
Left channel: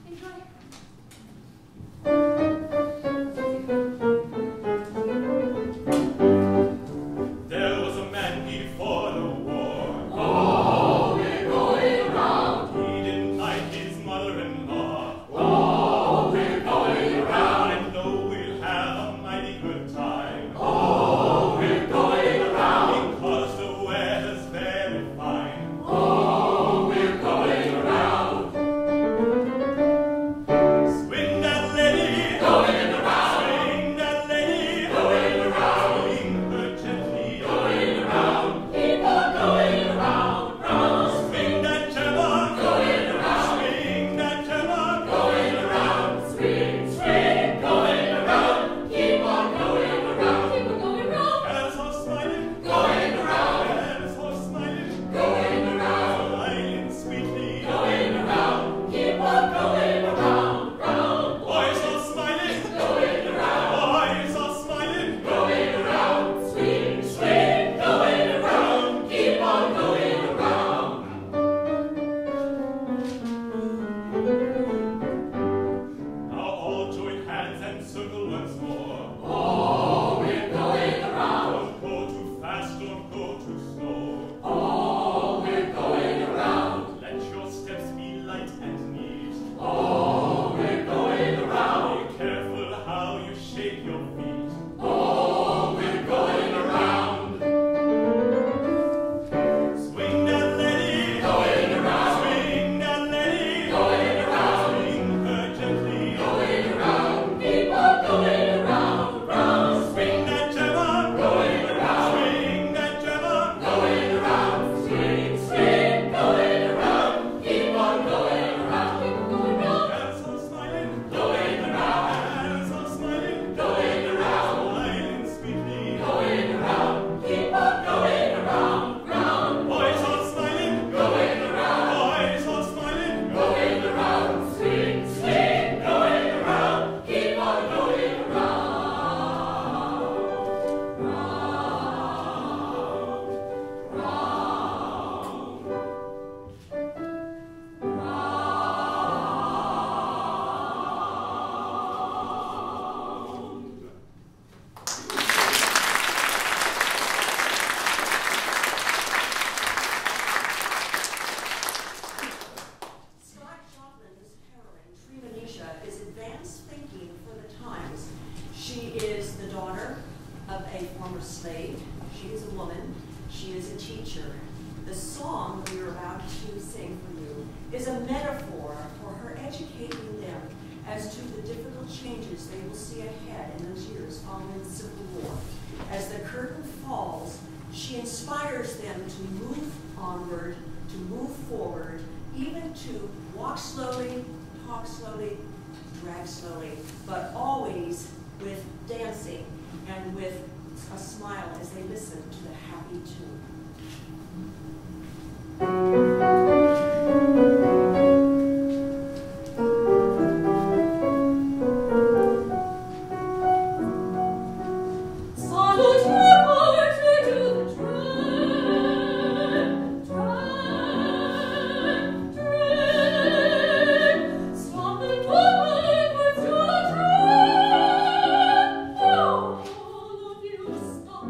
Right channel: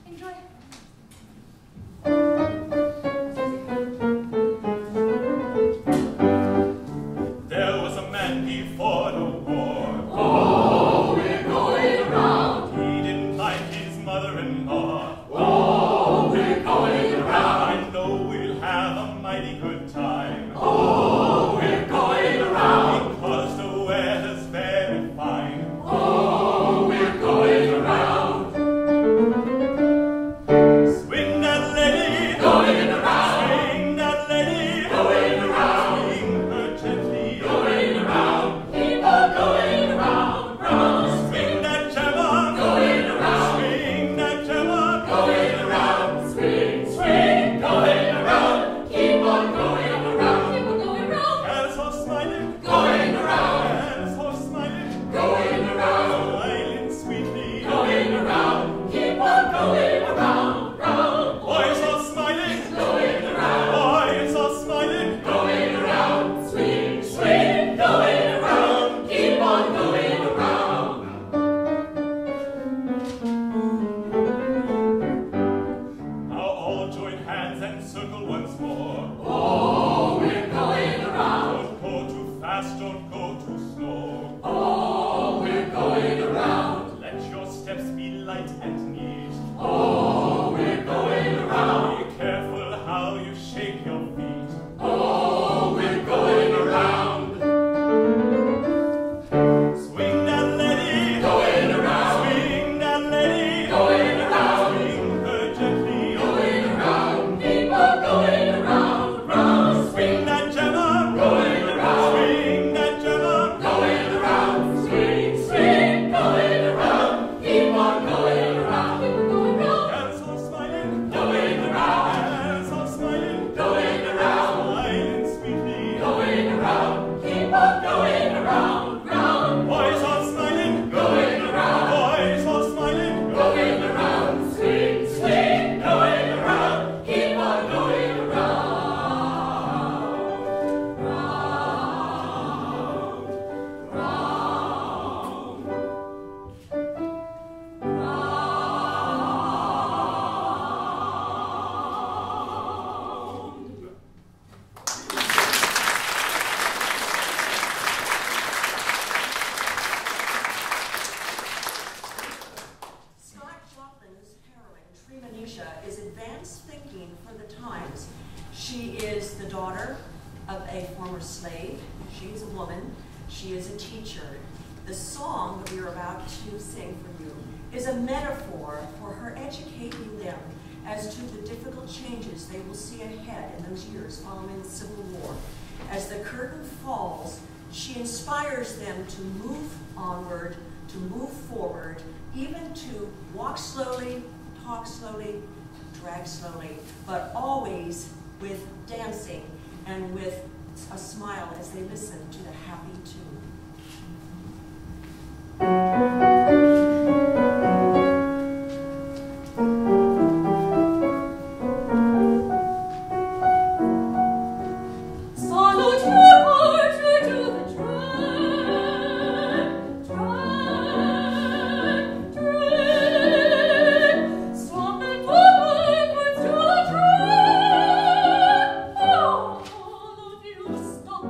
Enjoy. There was a man before the war. Oh, we're going around. He didn't like his mother-in-law. Oh, we're going around. I know we'll have a mighty good time. Oh, we're going around. Because the weather's very fine. Oh, we're going around. Swing that lady. Going around. Swing that lady. Going around. Swing her gently. Going around. Keep on going around, round. Swing that gemma. Going around. Swing that gemma. Going around. Swing, swing, going around. Keep on going around. Keep on going round. As horse smiling. Going around. As horse smiling. Going around. Smiling sweetly. Going around. Keep on going around, round. Boys are smiling. Going around. Boys are smiling. Going around. Swing, swing, going around. Keep on going around. Now all join hands and circle once more. Oh, we're going around. Don't go too fast, don't go too slow. Oh, we're going around. Let your steps be light and neat. Oh, we're going around. Be careful how you shake your feet. Oh, we're going around. Swing that lady. Going around. Swing that lady. Going around. Swing her gently. Going around. Keep on going around, round. Swing that gemma. Going around. Swing that gemma. Going around. Swing, swing, going around. Keep on going around. Keep on going round. As horse smiling. Going around. As horse smiling. Going around. Smiling sweetly. Going around. Keep on going around, round. Boys are smiling. Going around. Boys are smiling. Going around. Swing, swing, going around. Keep on going around. Round, Scott Joplin's heroine, Tremonisha, is advanced thinking for the times. She is the daughter of a former slave. She is a woman. She is a teacher. The song that we are about to sing for you is a metaphor for her educating them as to the difficult changes they will see ahead in those years following the Civil War. As the curtain falls, she inspires them to move onward, to move forward, even to walk slowly, talk slowly, drag slowly, but always with dancing and with a smile as they listen to the happy tune. Stop.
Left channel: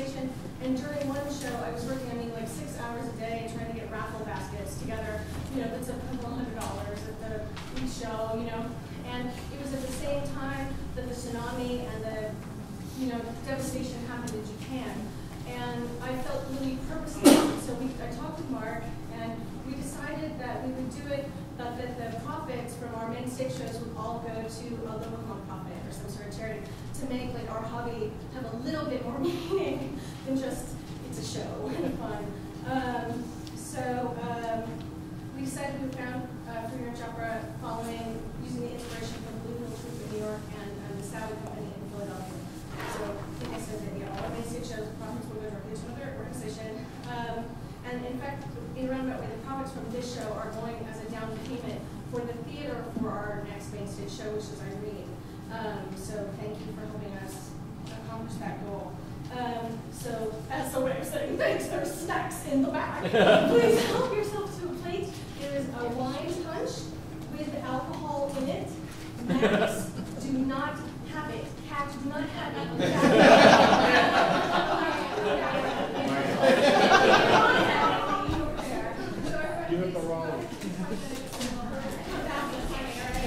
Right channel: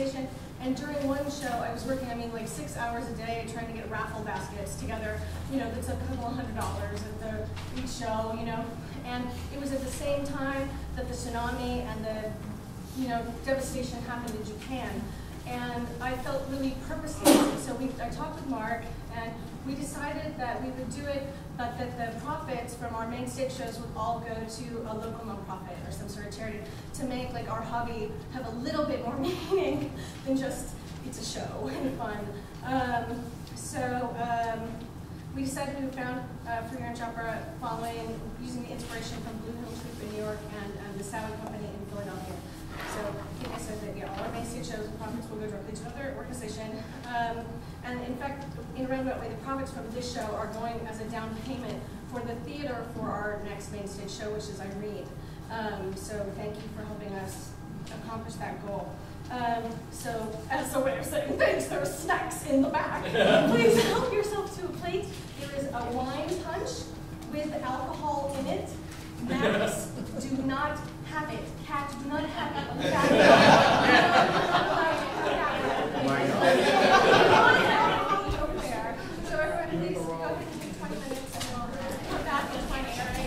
station. And during one show, I was working, like 6 hours a day trying to get raffle baskets together. That's a couple of $100 at each show, And it was at the same time that the tsunami and the, devastation happened in Japan. And I felt really purposeless. So I talked with Mark, and we decided that we would do it, but that the profits from our main stage shows would all go to a local nonprofit or some sort of charity to make our hobby have a little bit more meaning than just it's a show and fun. We decided we found free range opera using the inspiration from Blue Hill Troupe in New York and the Saudi Company in Philadelphia. So I think I said that all our main stage shows profits will go directly to another organization. And in fact, in a roundabout way, the profits from this show are going as a down payment for the theater for our next main stage show, which is Irene. So thank you for helping us accomplish that goal. So as a way of saying thanks, there are snacks in the back. Please help yourself to a plate. There is a wine punch with alcohol in it. Max, do not have it. Cat, do not have it. So everybody, please go ahead and take 20 minutes and we'll come back in 20 minutes.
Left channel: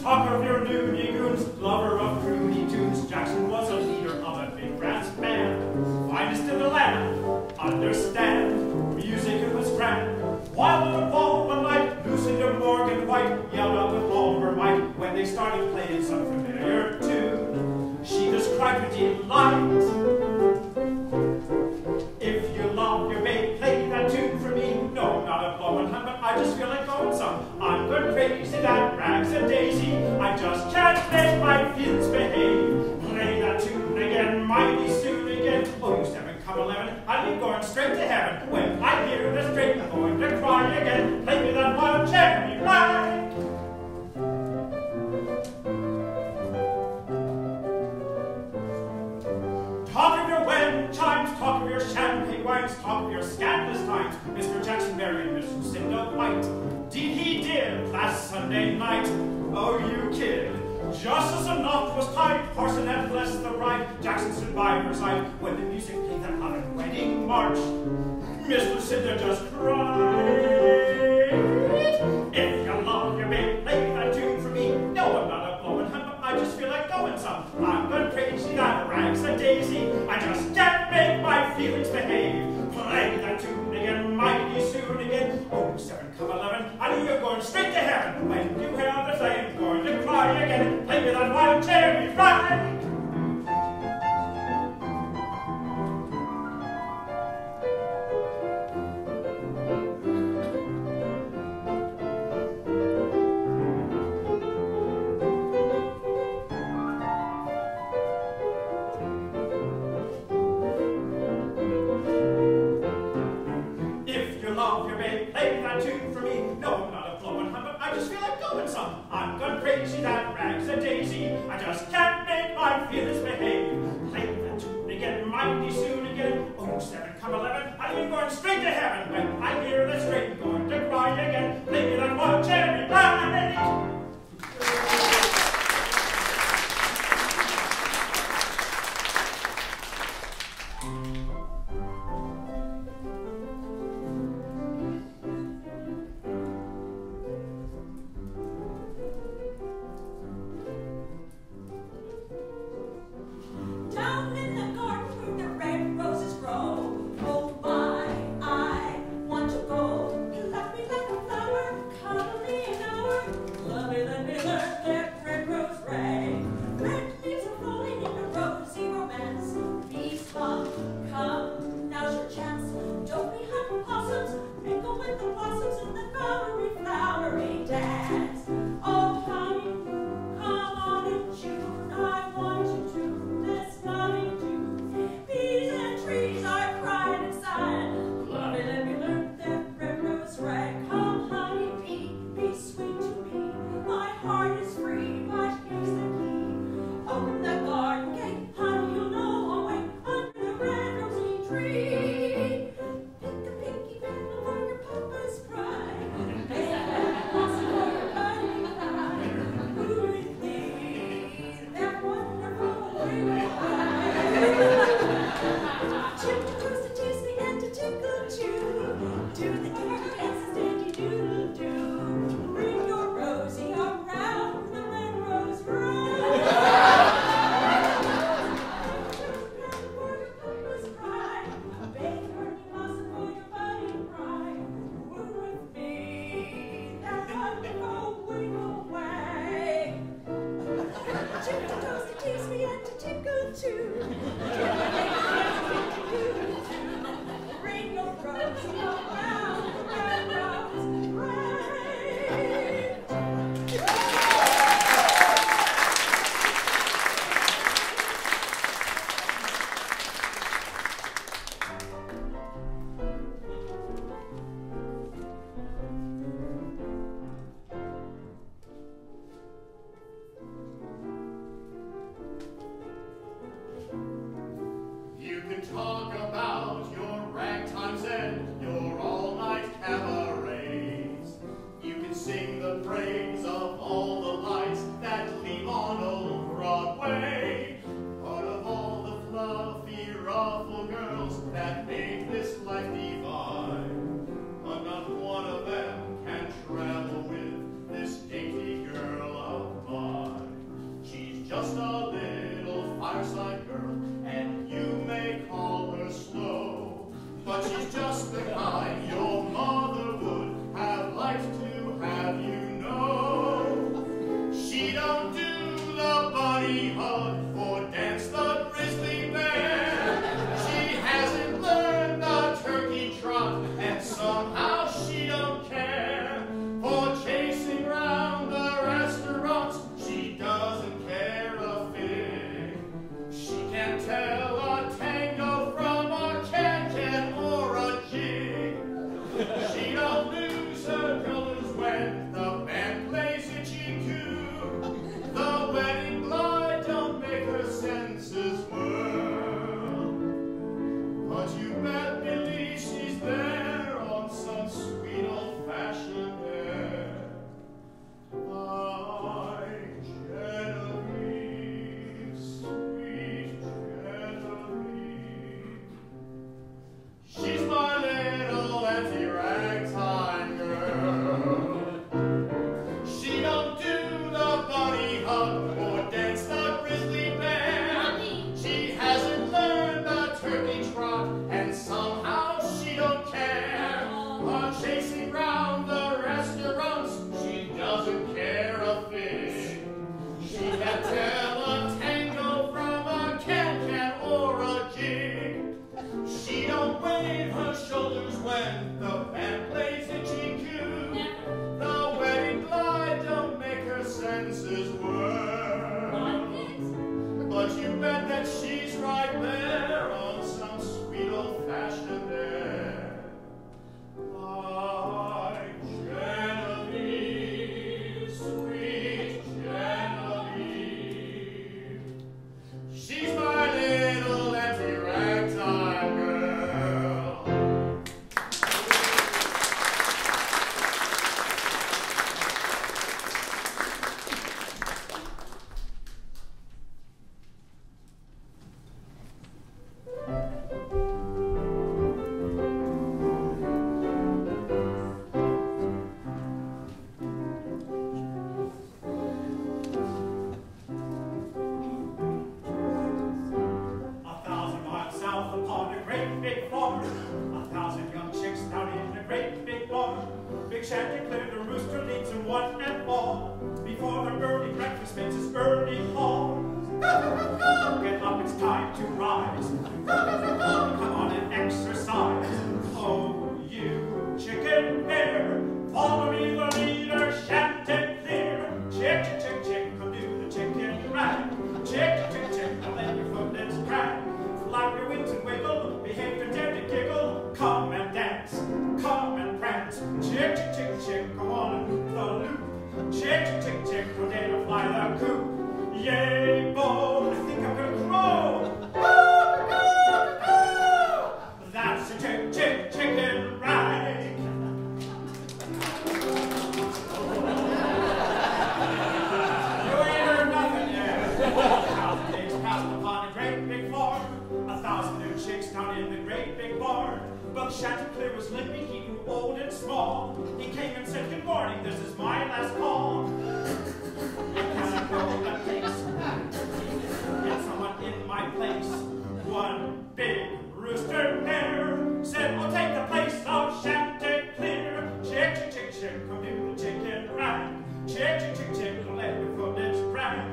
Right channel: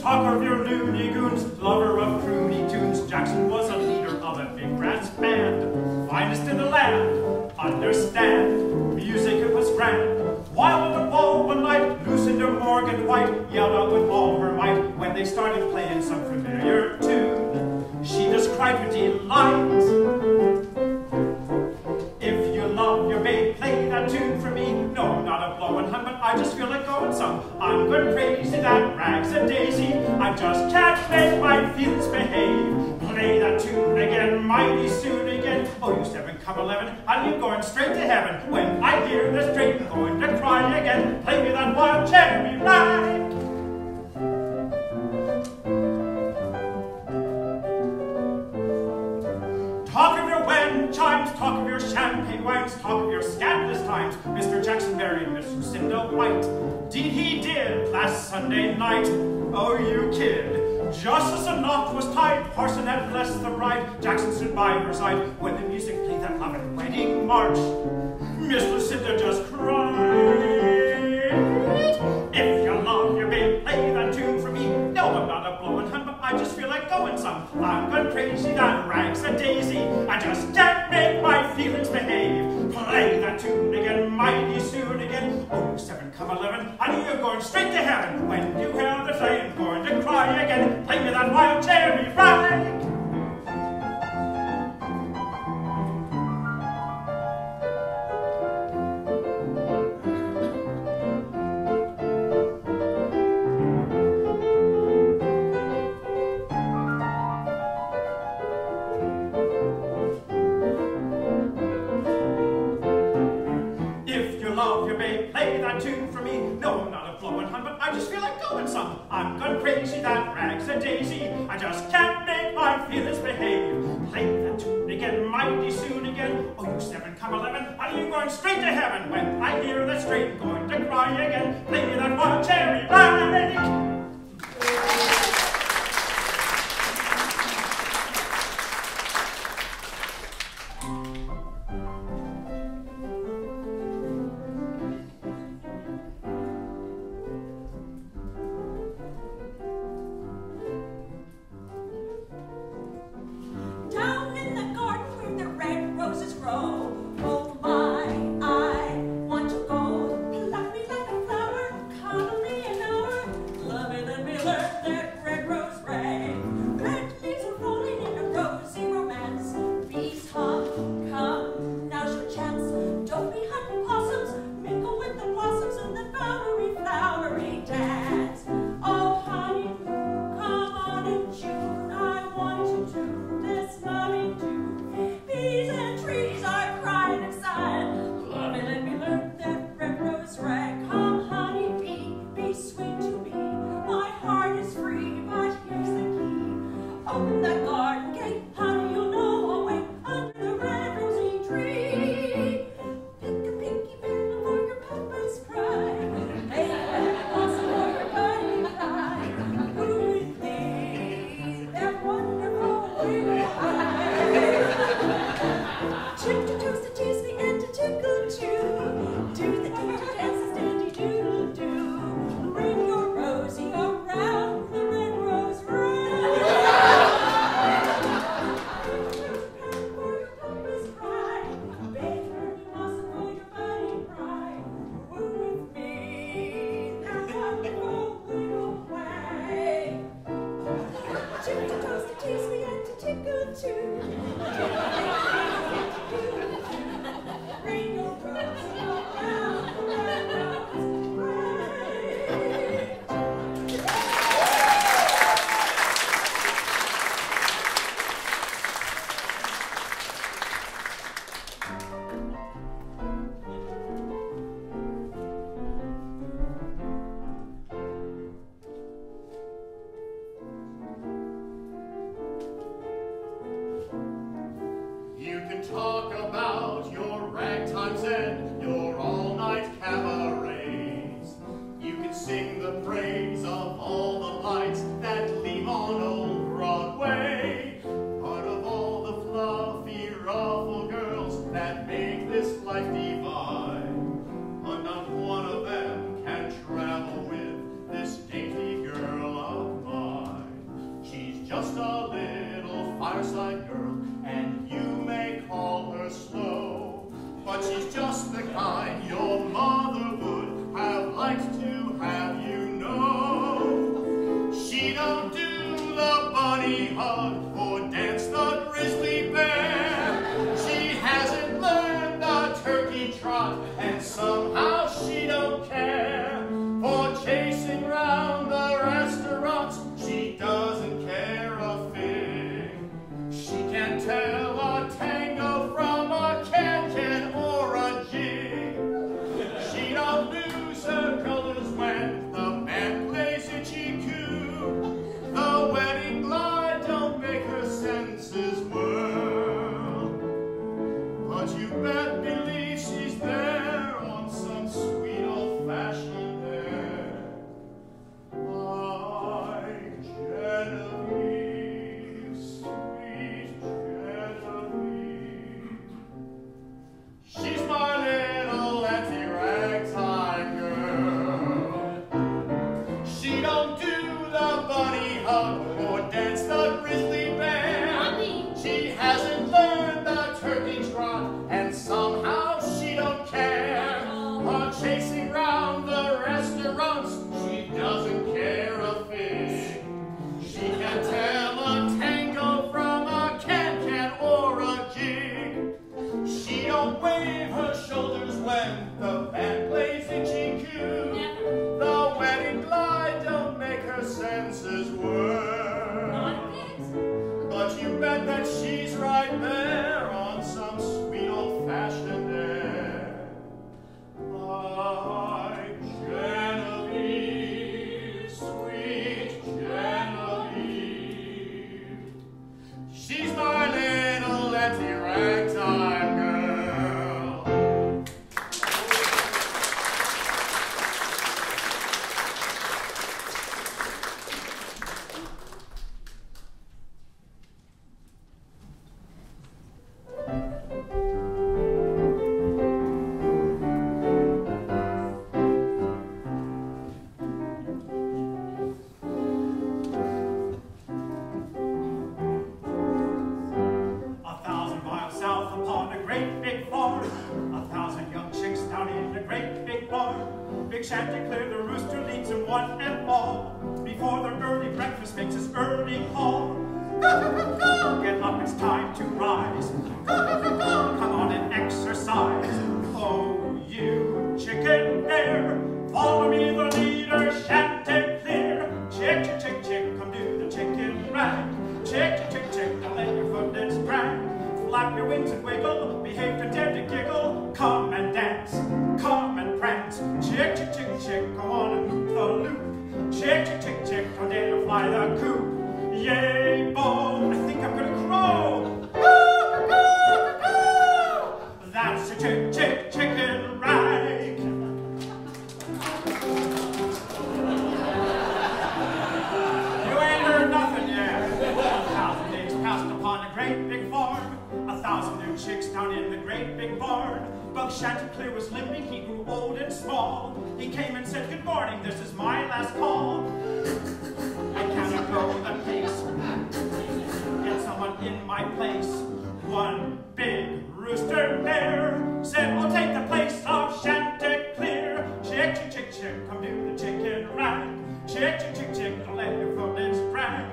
Talk of your loony goons, lover of croony tunes. Jackson was a leader of a big brass band, finest in the land. Understand, music it was grand. While on the ball one night, Lucinda Morgan White yelled out with all her might when they started playing some familiar tune. She just cried her delight. If come 11, and you're going straight to heaven. When I hear this train, I'm going to cry again. Play me that wild cherry rag. Talk of your wedding chimes, talk of your champagne wines, talk of your scandalous times, Mr. Jackson Berry and Miss Lucinda White. Deed he did last Sunday night. Oh, you kid. Just as the knot was tied, Parson had blessed the bride. Jackson stood by her side when the music played that loving wedding march. Miss Lucinda just cried. If you love your babe, play that tune for me. No, I'm not a blowing hun, but I just feel like going some. I'm gone crazy, that rags a daisy. I just can't make my feelings behave. Play that tune again, mighty soon again. Oh, 7, come 11, I knew you're going straight to heaven. When you hear the flame, going to cry again. Play me that wild cherry rag. Love your babe, play that tune for me. No, I'm not a blowing hun, but I just feel like going some. I'm gone crazy, that rags a daisy. I just can't make my feelings behave. Play that tune again, mighty soon again. Oh, you 7, come 11, and you're going straight to heaven. When I hear that string, going to cry again. Play me that wild cherry rag. Talk about your ragtimes and your all-night cabarets. You can sing the praise of all the lights that gleam on old Broadway. Part of all the fluffy, ruffled girls that make this life divine. But not one of them can travel with this dainty girl of mine. She's just a little fireside girl, and you may call her slow, but she's just the kind your mother would have liked to have you know. She don't do the bunny hug or dance the grizzly bear. She hasn't learned the turkey trot, and somehow she don't care for chasing round the restaurants. She doesn't care a fig. She can't tell a tango from a Big Chanticleer, the rooster leads them one and all. Before their early breakfast makes his early call. Get up, it's time to rise. Come on and exercise. Oh, you chicken hare, follow me, the leader, Chanticleer. Chick, chick, chick, chick, come do the chicken rag. Chick, chick, chick, chick, don't let your footlets drag. Flap your wings and wiggle, behave to dare to giggle. Come and dance, come and prance. Chick, chick, chick, chick, come on and hoop the loop. Chick, chick, chick, chick, don't dare to fly the coop. Yay, Bo, I think I'm gonna crow. That's a chick, chick, chicken rag. You ain't heard nothing yet. 1,000 days passed upon a great big farm. 1,000 new chicks down in the great big barn. But Chanticleer was limping, he grew old and small. He came and said, good morning, this is my last call. I cannot go the pace. Get someone in my place. One big rooster there said, I'll take the place of Chanticleer. Chick, chick, chick, chick, come do the chicken rag. Chick, chick, chick, chick, don't let your footlets drag.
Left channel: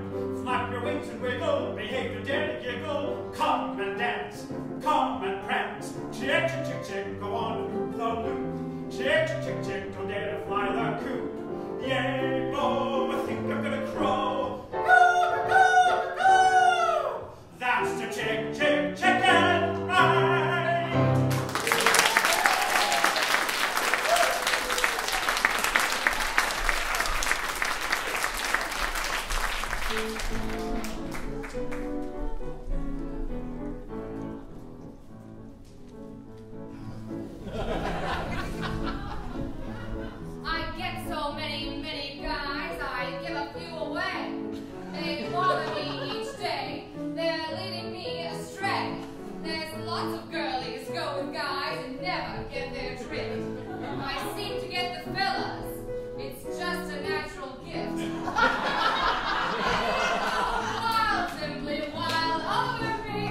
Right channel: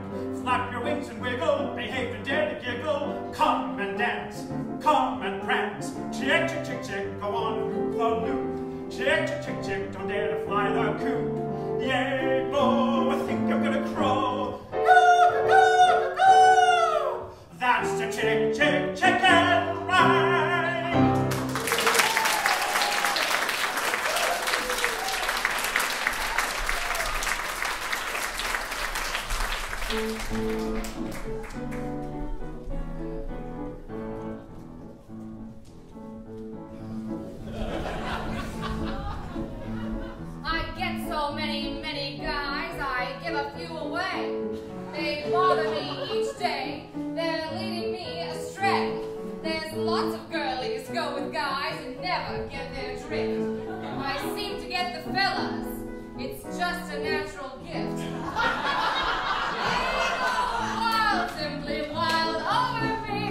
Flap your wings and wiggle, behave to dare to giggle. Come and dance, come and prance. Chick, chick, chick, chick, go on and hoop the loop. Chick, chick, chick, chick, don't dare to fly the coop. Yay, Bo, I think I'm gonna crow. That's the chick, chick, chicken rag. I get so many guys, I give a few away. They bother me each day, they're leading me astray. There's lots of girlies go with guys and never get their drift. I seem to get the fellas, it's just a natural gift. Wild, simply wild over me.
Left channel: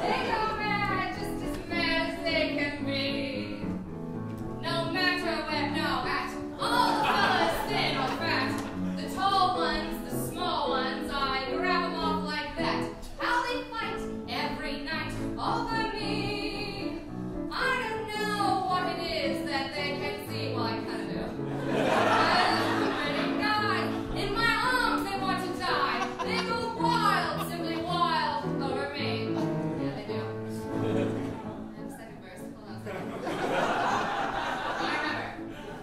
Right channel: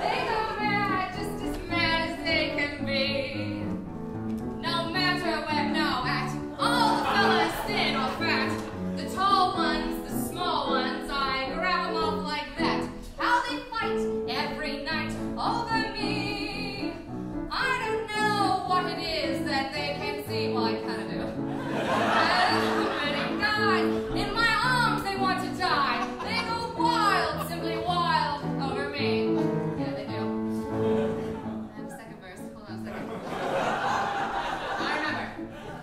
They go mad, just as mad as they can be. No matter where, no, at all the fellas, thin or fat. The tall ones, the small ones, I grab them off like that. How they fight every night over me. I don't know what it is that they can see. Well, I kind of do. Many guys in my arms, they want to die. They go wild, simply wild over me. Yeah, they do. I have a second verse. Hold on a second. I remember.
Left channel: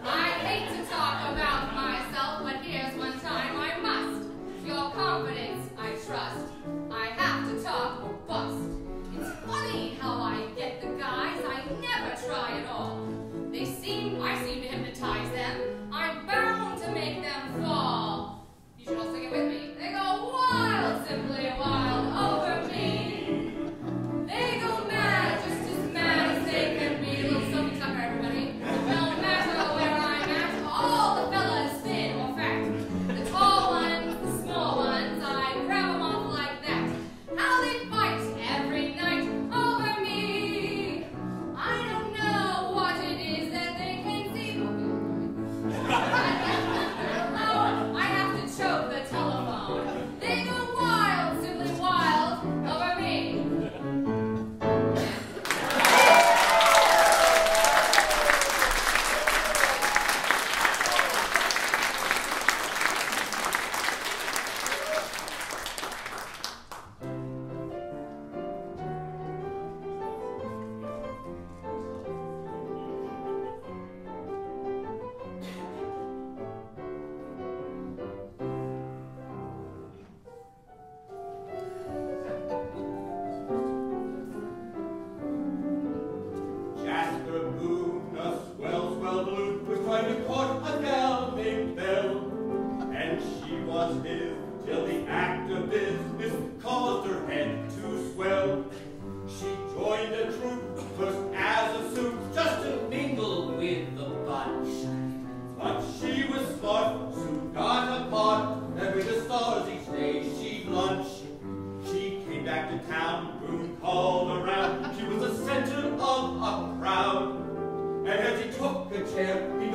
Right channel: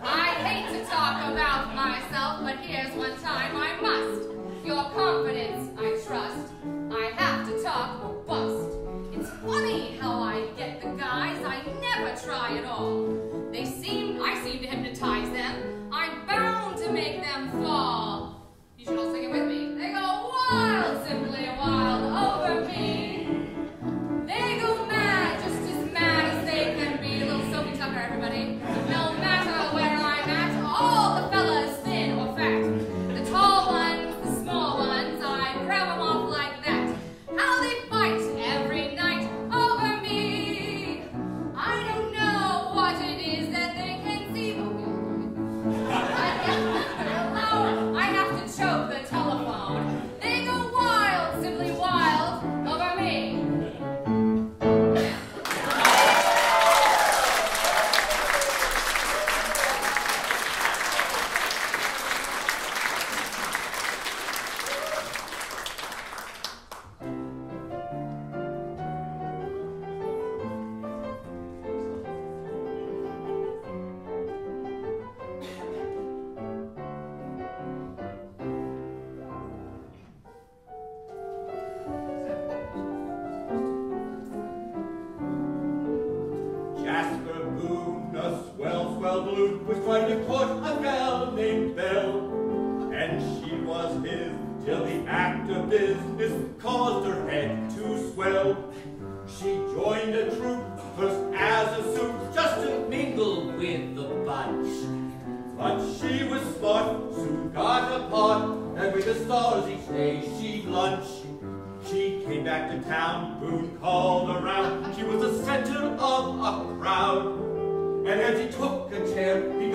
I hate to talk about myself, but here's one time I must. Your confidence, I trust. I have to talk or bust. It's funny how I get the guys I never try at all. I seem to hypnotize them. I'm bound to make them fall. You should all sing it with me. They go wild, simply wild over me. They go mad, just as mad as they can be. Little Sophie Tucker, everybody. No matter where I'm at, all the fellas, thin or fat. The tall ones, the small ones, I grab them off like that. How they fight every night over me. I don't know what it is that they can see. I have to choke the telephone. They go wild, simply wild over me. Jasper Boone, a swell balloon, was trying to court a gal named Belle. And she was his till the act of business caused her head to swell. She joined a troop, first as a suit, just to mingle with the bunch. But she was smart, soon got a part, and with the stars each day she'd lunch. She came back to town, Boone called around. She was the center of a crowd. And as he took a chair, he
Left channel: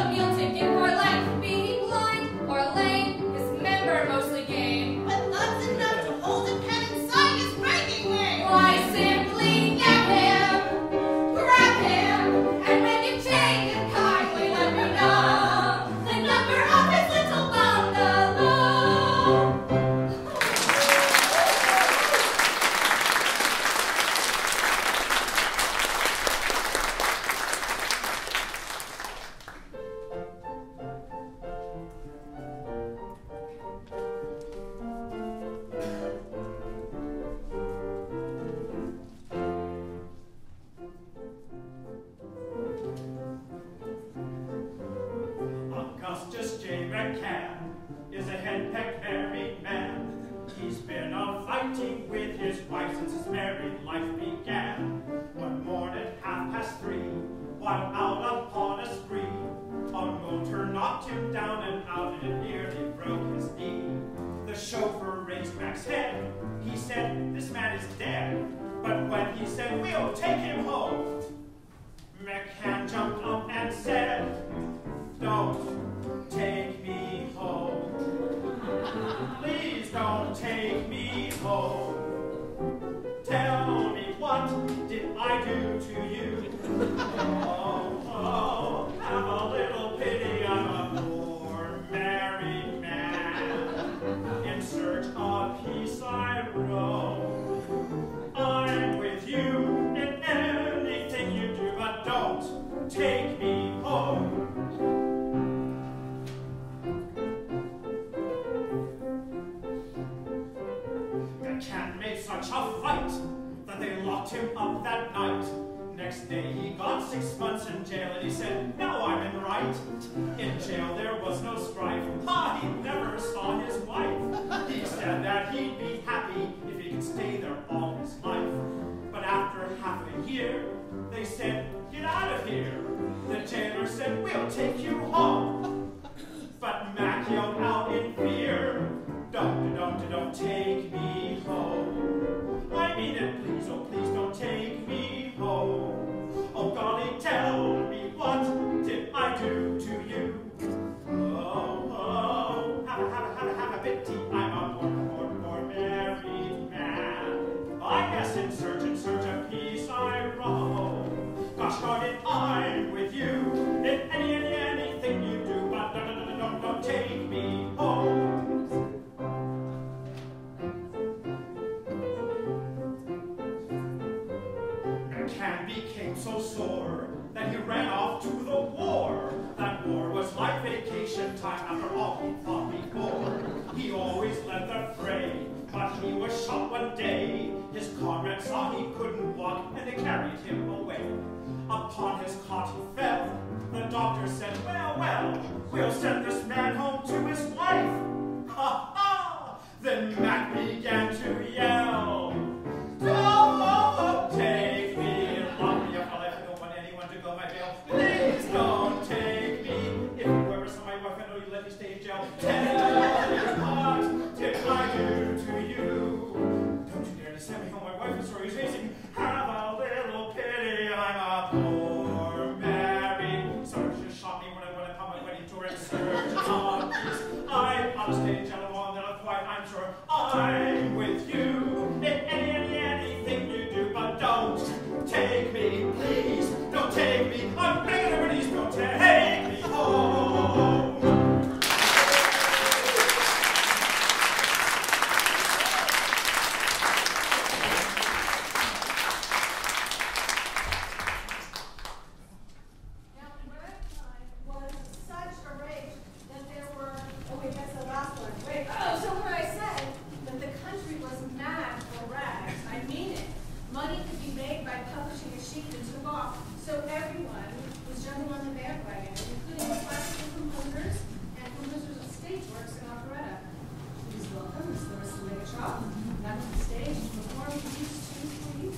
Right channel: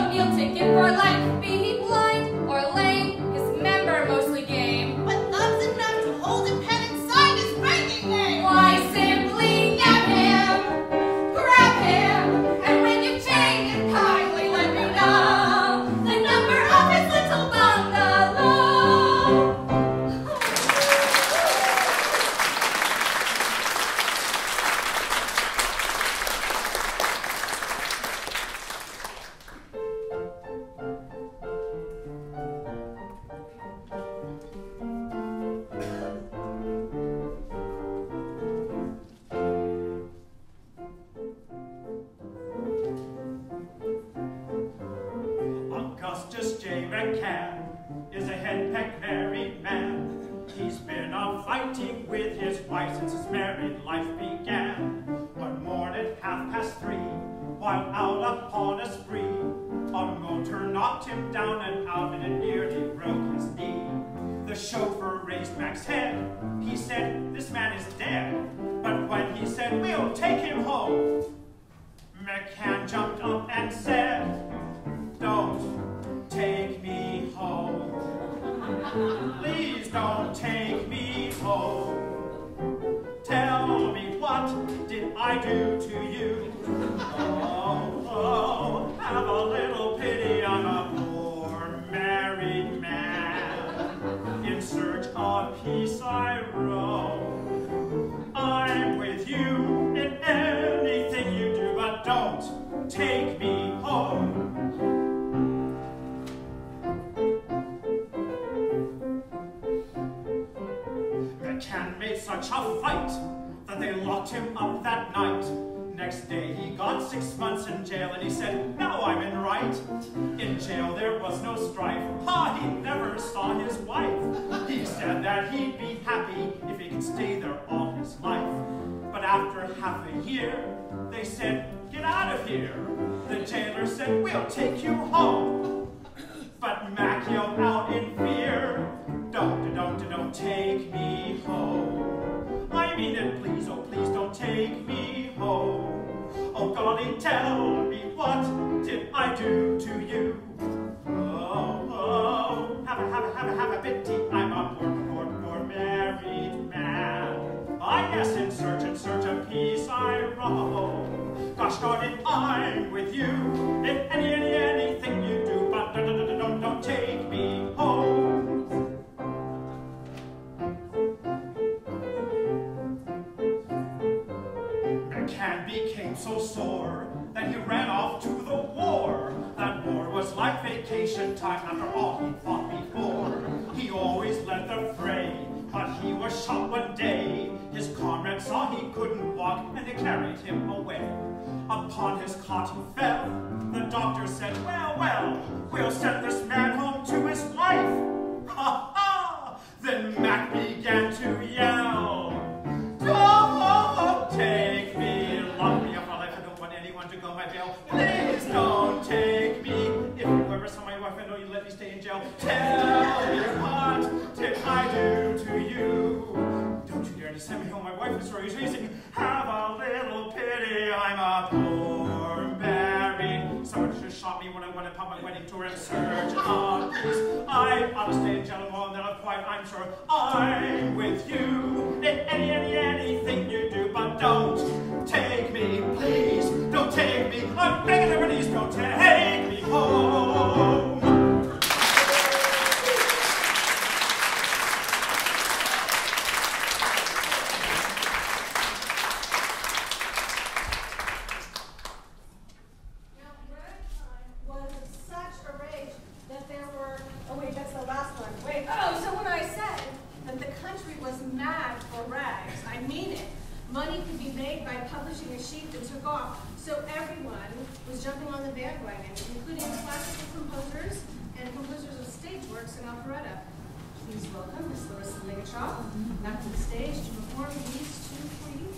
a meal ticket for life. Be he blind or lame, his member mostly game. But that's enough to hold a pen inside his writing name. Why, simply nab him, grab him, and when you've changed, kindly let me know the number of his little bungalow. Augustus J. McCann is a henpecked married man. He's been a fighting with his wife since his married life began. One morning at 3:30, while out upon a spree, a motor knocked him down and out and it nearly broke his knee. The chauffeur raised Mac's head. He said, "This man is dead." But when he said, "We'll take him home," McCann jumped up and said, "Don't take me home. Please don't take me home. Tell me, what did I do to you? Oh, have a little pity on a poor married man. In search of peace I roam. I'm with you in anything you do, but don't take me home." McCann made such a fight that they locked him up that night. Next day he got 6 months in jail and he said, "Now I'm in right." In jail there was no strife. He never saw his wife. He said that he'd be happy if he could stay there all his life. But after half a year, they said, "Get out of here." The jailer said, "We'll take you home." But Mac yelled out in fear, don't take me home. I mean it, please, oh please don't take me home. Oh golly, tell me, what did I do to you? Oh, have a pity, I'm a poor married man. I guess in search of peace I roam. Gosh darn it, I'm with you in anything you do, but don't take me home. McCann became so sore that he ran off to the war. That war was like vacation time after all he fought before. He always led the fray, but he was shot one day. His comrades saw he couldn't walk and they carried him away. Upon his cot he fell. The doctor said, well, we'll send this man home to his wife. Ha ha! Then Mac began to yell, "Don't take me, lock me up for life. I don't want anyone to go my jail. Please don't take me. If you ever saw my wife, I know you let me stay in jail. Tell me, what did I do to you? Don't you dare to send me home. My wife is raising. Have a little pity. I'm a poor married. Someone just shot me when I went upon my wedding tour in search of peace. I ought to stay in jail more than I'm quite, I'm sure. I'm with you in anything you do, but don't take me, please. Don't take me. I'm begging everybody, please don't take me home. Money could be made by publishing a sheet that took off, so everyone was jumping on the bandwagon, including classical composers and composers of stage works and operetta. Please welcome Miss Larissa Ligatrop back to the stage to perform these two for you.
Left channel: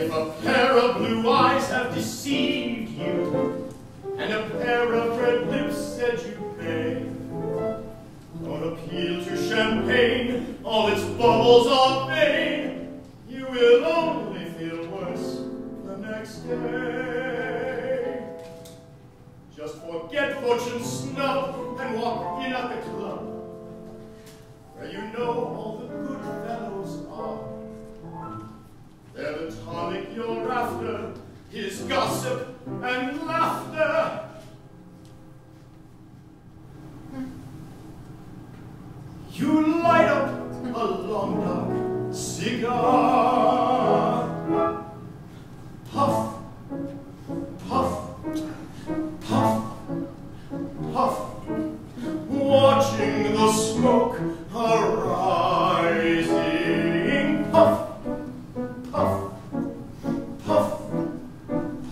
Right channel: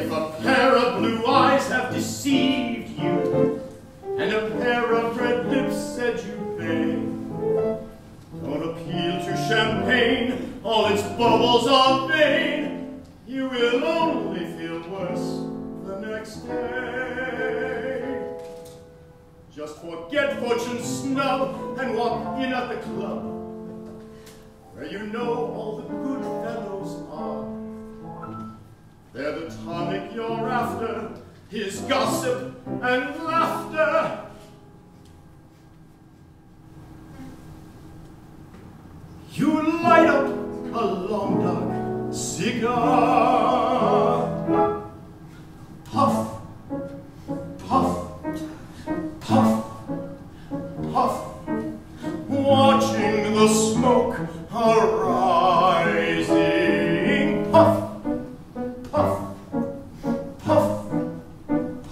If a pair of blue eyes have deceived you, and a pair of red lips said you bay, don't appeal to champagne, all its bubbles are vain. You will only feel worse the next day. Just forget fortune's snub and walk in at the club, where you know all the good fellows are. They're the tonic you're after, his gossip and laughter. You light up a long dark cigar. Puff, puff, puff, puff, watching the smoke arising. Puff, puff, puff,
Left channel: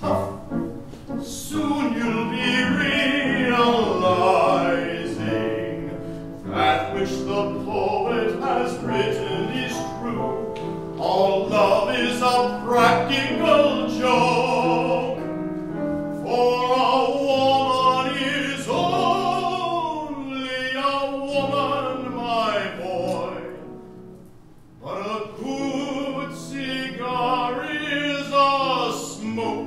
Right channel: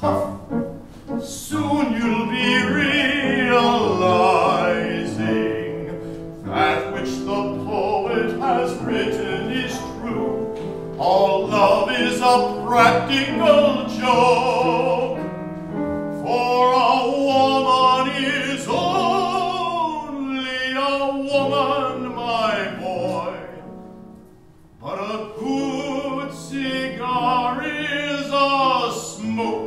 puff. Soon you'll be realizing that which the poet has written is true. All love is a practical joke, for a woman is only a woman, my boy. But a good cigar is a smoke.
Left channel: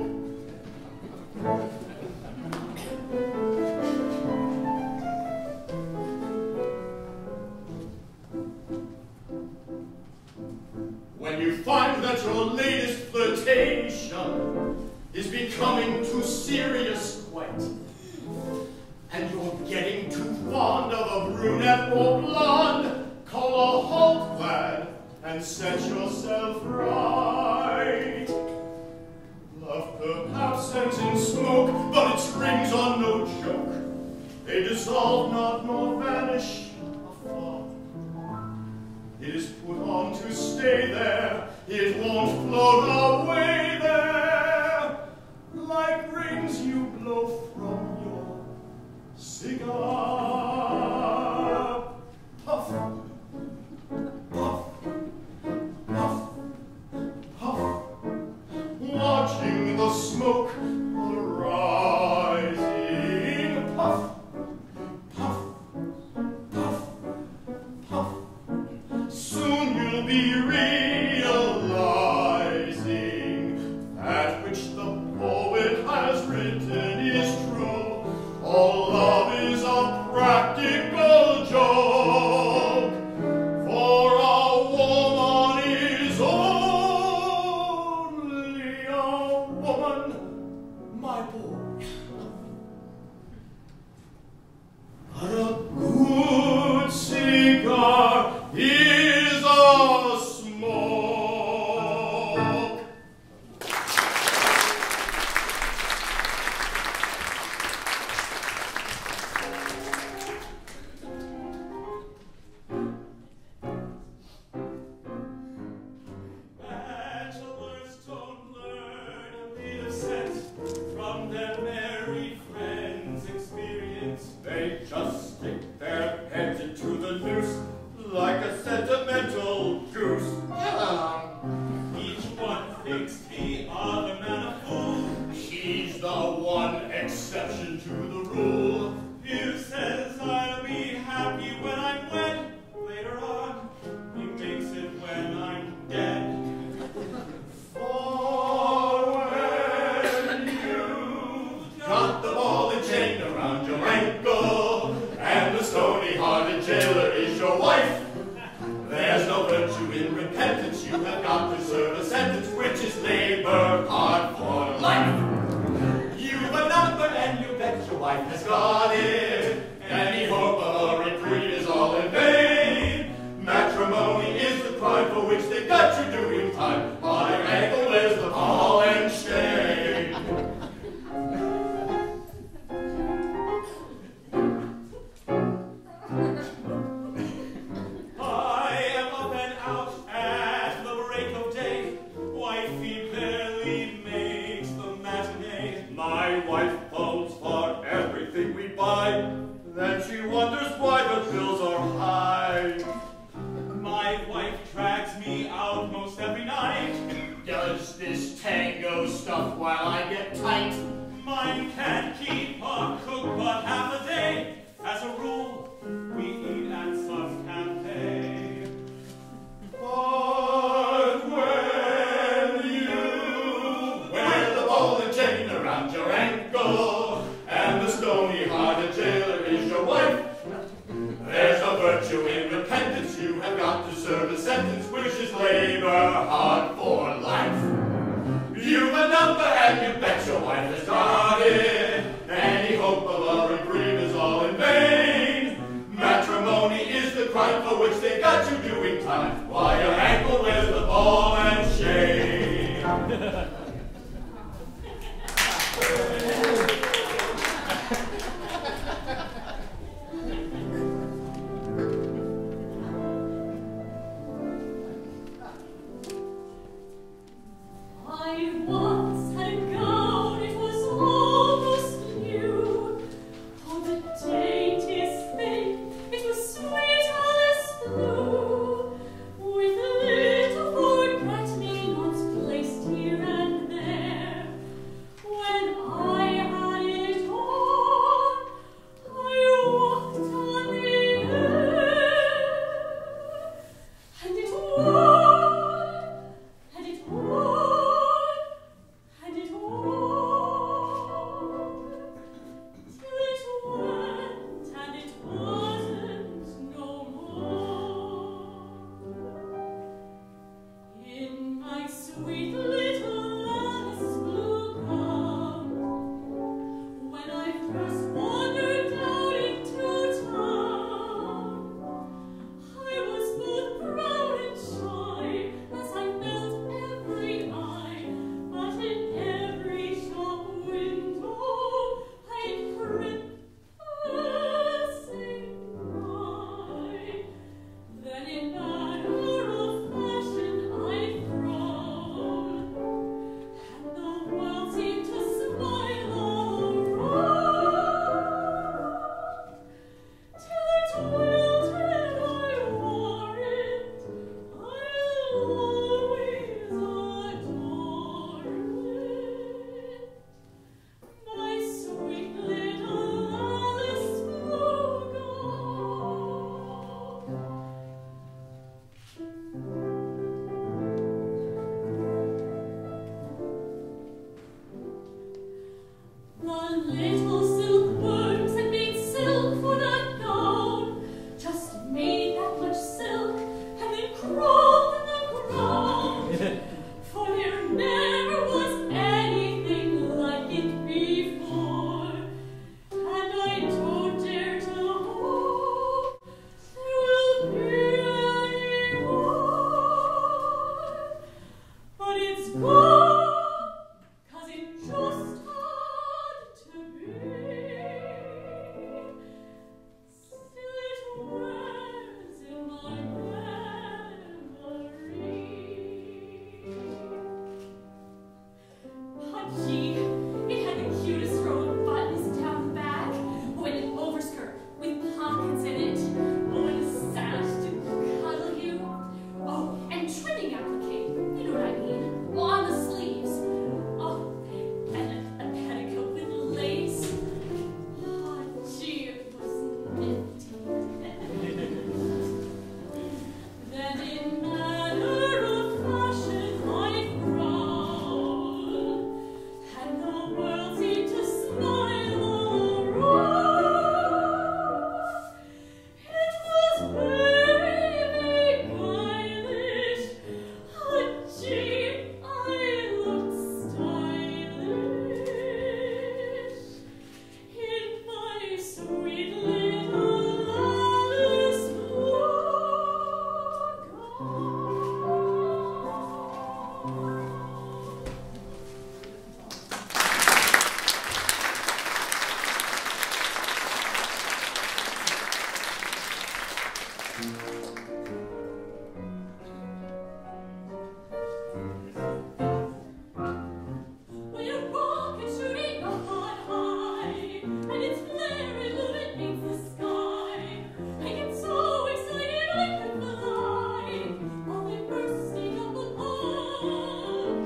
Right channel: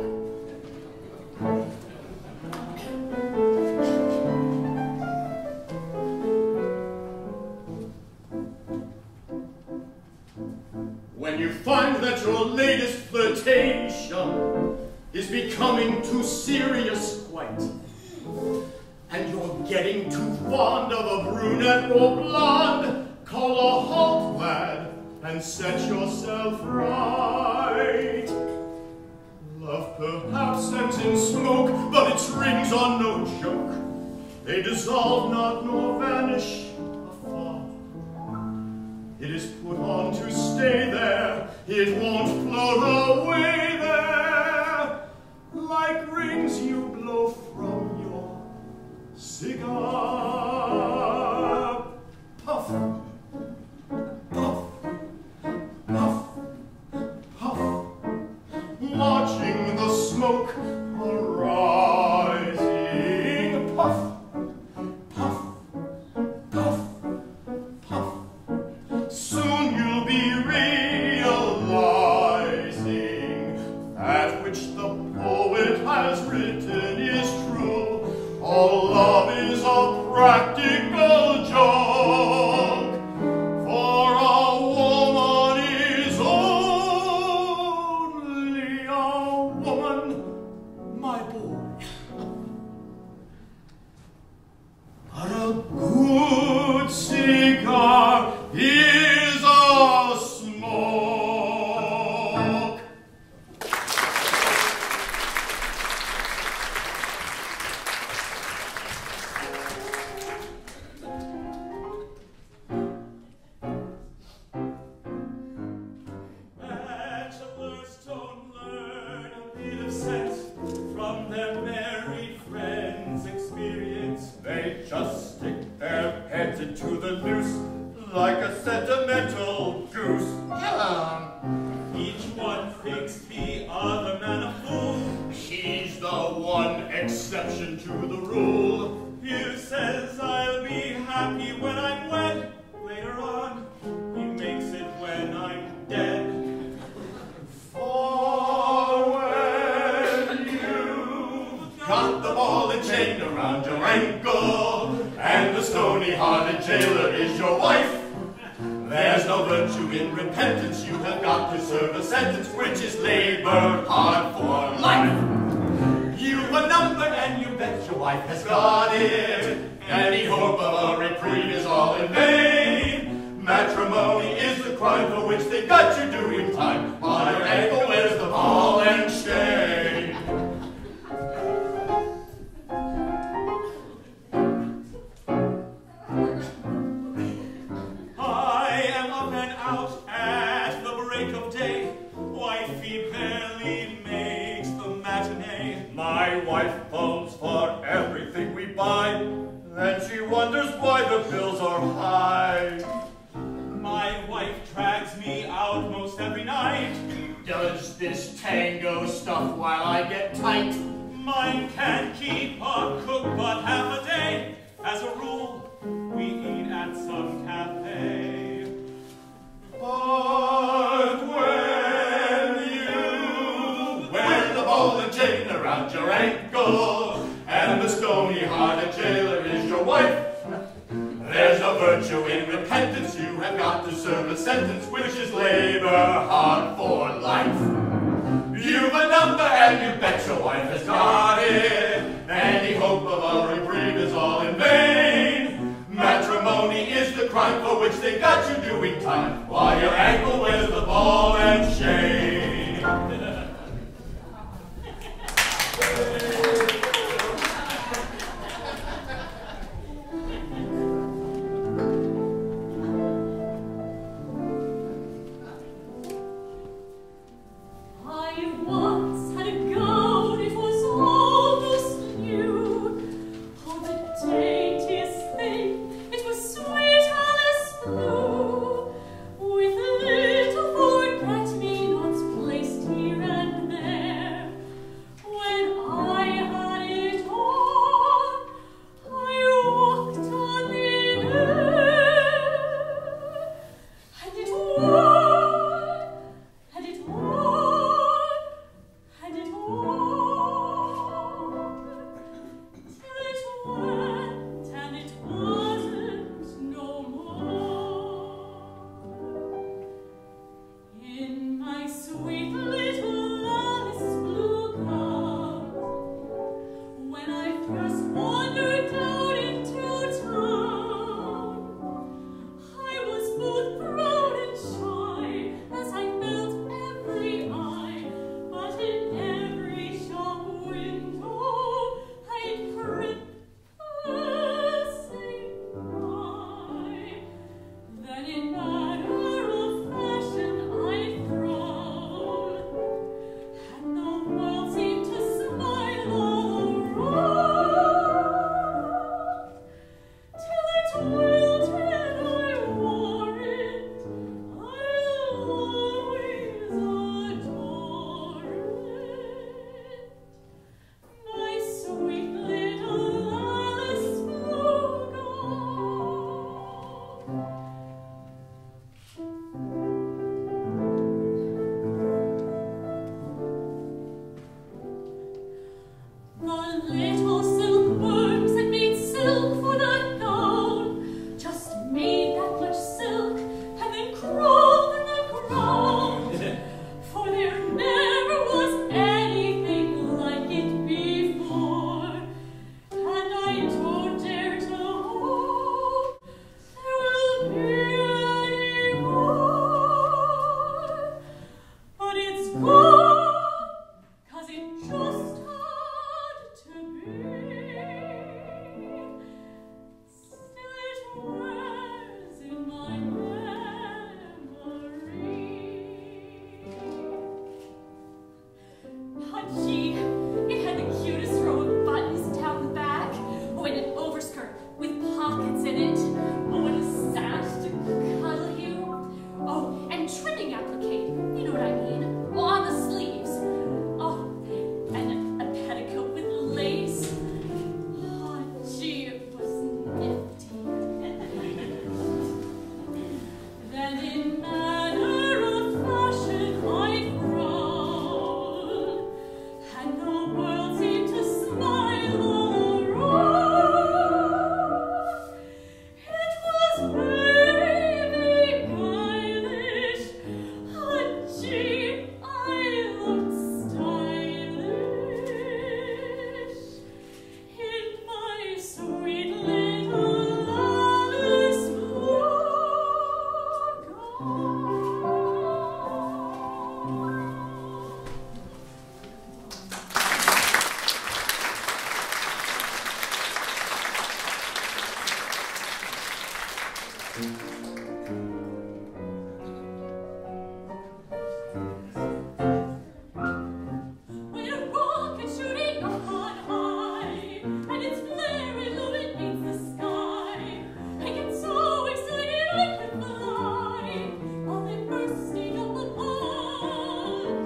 When you find that your latest flirtation is becoming too serious quite, and you're getting too fond of a brunette or blonde, call a halt, lad, and set yourself right. Love perhaps ends in smoke, but its rings are no joke. They dissolve not nor vanish afar. It is put on to stay there, it won't float away there, like rings you blow from your cigar. Puff, puff, puff, puff, watching the smoke arising. Puff, puff, puff, puff. Soon you'll be realizing that which the poet has written is true. All love is a practical joke, for a woman is only a woman, my boy. But a good cigar is a smoke. Bachelors don't learn a bit of sense from their married friends' experience. They just stick their heads into the noose like a sentimental goose. Each one thinks the other man a fool. He's the one exception to the rule. He says I'll be happy when I'm wed. Later on, he makes it when I'm dead. For when you've got the ball and chain around your ankle, and the stony-hearted jailer is your wife, there's no virtue in repentance. You have got to serve a sentence which is labor hard for life. You've a number and you bet your wife has got it. Any hope of a reprieve is all in vain. Matrimony is the crime for which they got you doing time. On your ankle is the ball and chain. My wife phones for everything we buy, then she wonders why the bill this tango stuff while I get tight. Mine can't keep a cook but half a day. As a rule, we eat at some cafe. But when you wear the ball and chain around your ankle, and the stony-hearted jailer is your wife, there's a virtue in repentance. You have got to serve a sentence, which is labor hard for life. You've a number and you bet your wife has got it. Any hope of a reprieve is all in vain. Matrimony is the crime for which they got you doing time, while your ankle wears the ball and chain. I once had a gown, it was almost new. Oh, the daintiest thing, it was sweet as blue, with little forget-me-nots placed here and there. When I had it on, I walked on the air, and it wore, and it wore, and it wore, till it went and it wasn't no more. In my sweet little Alice blue gown, when I first wandered down into town, I was both proud and shy, as I felt every eye, but in every shop window I'd print the same cry. Then in matter of fashion I'd frown, and the world seemed to smile all around, till it wilted, I wore it, I'll always adore it. My sweet little Alice blue gown. The little silkworms had made silk for that gown, just made that much silk, and then crawled in the ground. For there never was anything like it before, and I don't dare to hope there will be any more. But it's gone, 'cause it just had to be. Still it wears in my memory. But gee, it had the cutest row of buttons down the back, oh, and an overskirt with pockets in it, oh, and a sash to cuddle you, oh, and trimming applique, you know what I mean, oh, on the sleeves, oh, and a petticoat with lace. Oh, gee, it was nifty. Then in manner of fashion I'd grown, and the world seemed to smile all around. It was very beguilish, oh, gee, I looked stylish in my sweet little Alice blue gown. When a rocket shooting up on high, and its flare illuminates the sky, I get so excited I could fly, while I'm bursting up above.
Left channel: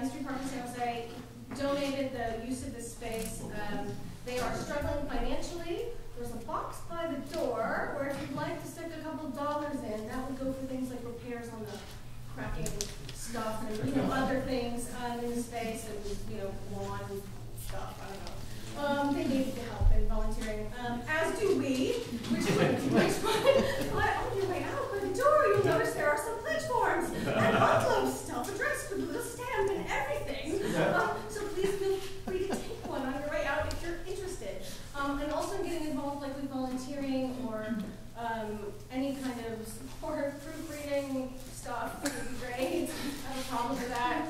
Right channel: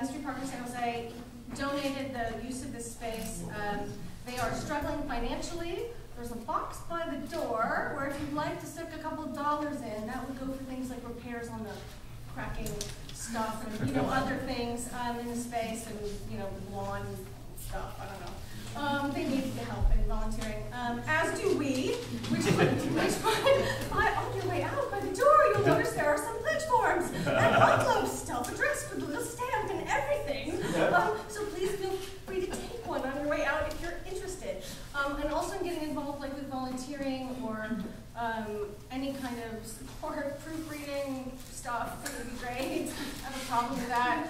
History Park in San Jose donated the use of this space. They are struggling financially. There's a box by the door where if you'd like to stick a couple dollars in, that would go for things like repairs on the cracking stuff and other things in the space and lawn stuff. I don't know. They need the help in volunteering, as do we. Which on your way out by the door, you'll notice there are some pledge forms and envelopes, self-addressed with a little stamp and everything. So please feel free to take one on your way out if you're interested. And also getting involved with volunteering or any kind of support, proofreading stuff would be great. I have a problem with that.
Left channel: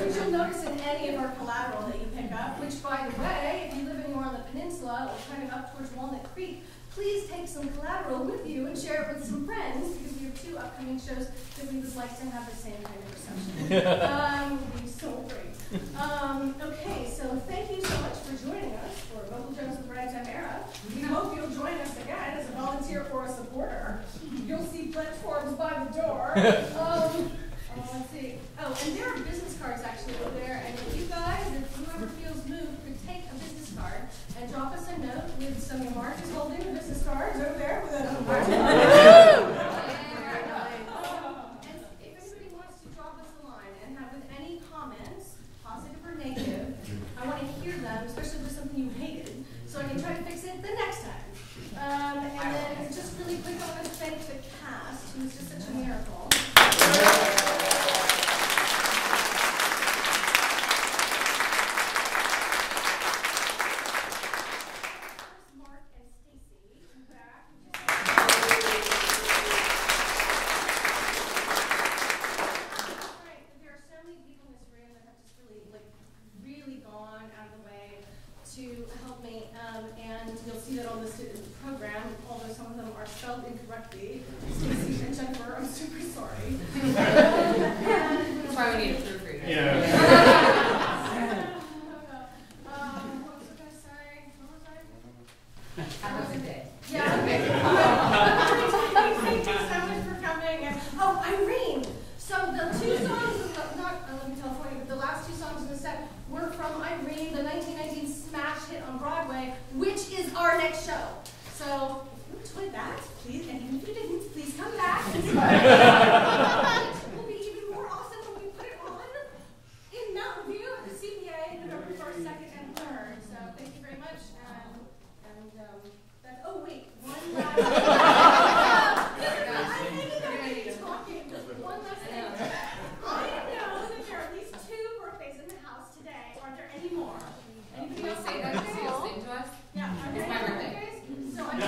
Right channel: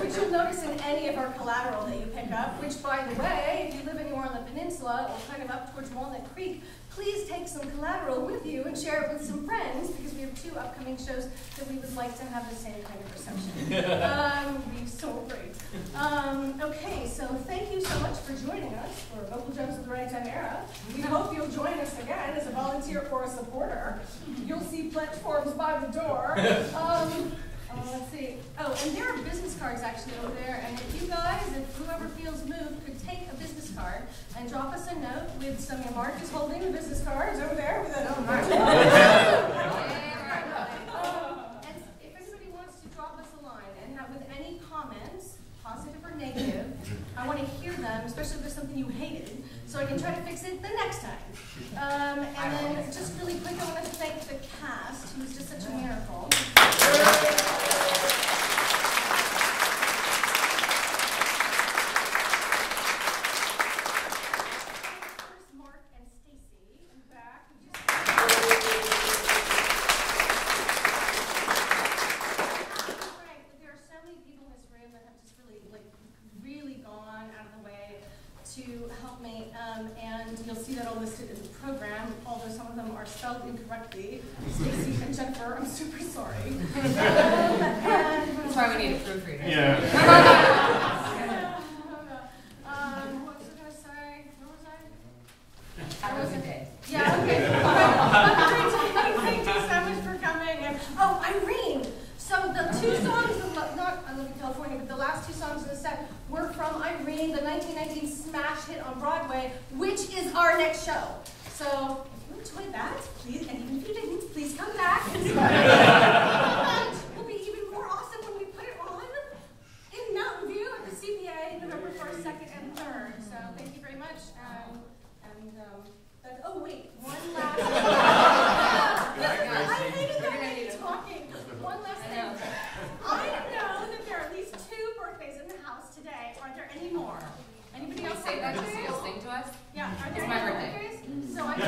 Which you'll notice in any of our collateral that you pick up, which by the way, if you live anywhere on the peninsula or kind of up towards Walnut Creek, please take some collateral with you and share it with some friends because we have 2 upcoming shows that we would like to have the same kind of reception. We'd be so great. Okay, so thank you so much for joining us for Vocal Jokes of the Ragtime Era. We hope you'll join us again as a volunteer or a supporter. You'll see pledge forms by the door. Let's see. Oh, and there are business cards actually over there. And if you guys, if whoever feels moved, could take a business card and drop us a note with some. Mark is holding the business cards over there with a. And if anybody wants to drop us a line and have with any comments, positive or negative, I want to hear them, especially if there's something you hated, so I can try to fix it the next time. And then just really quick, I want to thank the cast, who's just such a miracle. Mark and Stacy in the back. There are so many people in this room that have just really gone out of the way to help me, and you'll see that all listed in the program, although some of them are spelled incorrectly. Stacy and Jennifer, I'm super sorry. That's why we need a proofreader. Yeah. What was I going to say? Where was I? How was your day? Yeah, okay. Thank you so much for coming. And, oh, Irene. So the 2 songs, not I Love You California, but the last 2 songs in the set were from Irene, the 1919 smash hit on Broadway, which is our next show. So if you enjoyed that, please, and even if you didn't, please come back. It will be even more awesome when we put it on in Mountain View at the CPA November 1st, 2nd, and 3rd. So thank you very much. Oh wait, one last thing. I hated the way you're talking. One last thing. I know that there are at least 2 birthdays in the house today. Are there any more? Anybody else Say that just so you'll sing to us? Yeah, are there It's my any birthday. birthdays? So I know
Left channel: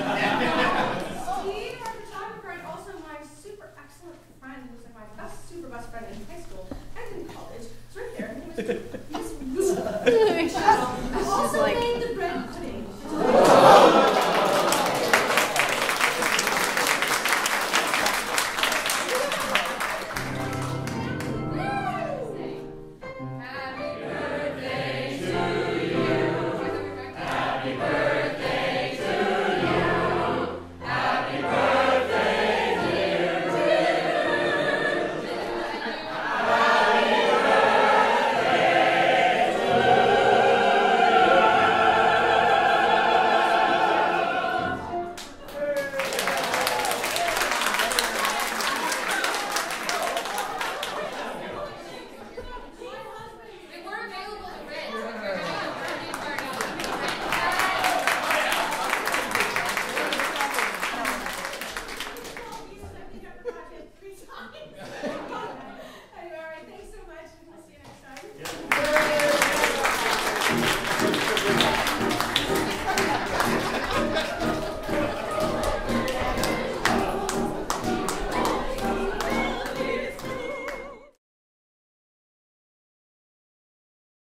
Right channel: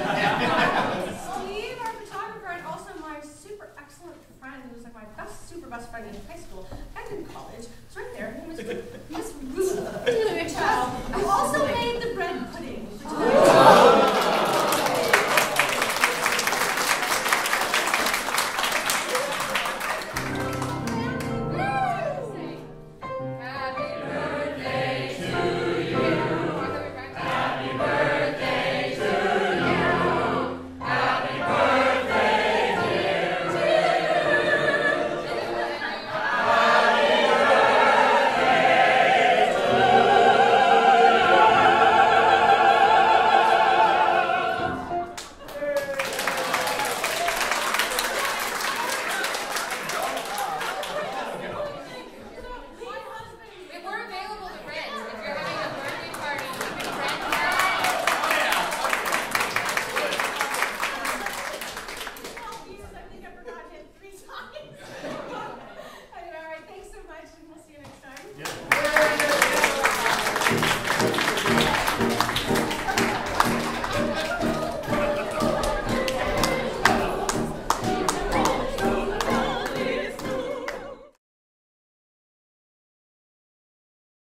Steve, our photographer, and also my super excellent friend, who was like my super best friend in high school and in college. It's right there. Her name is Miss Ruth. Who also made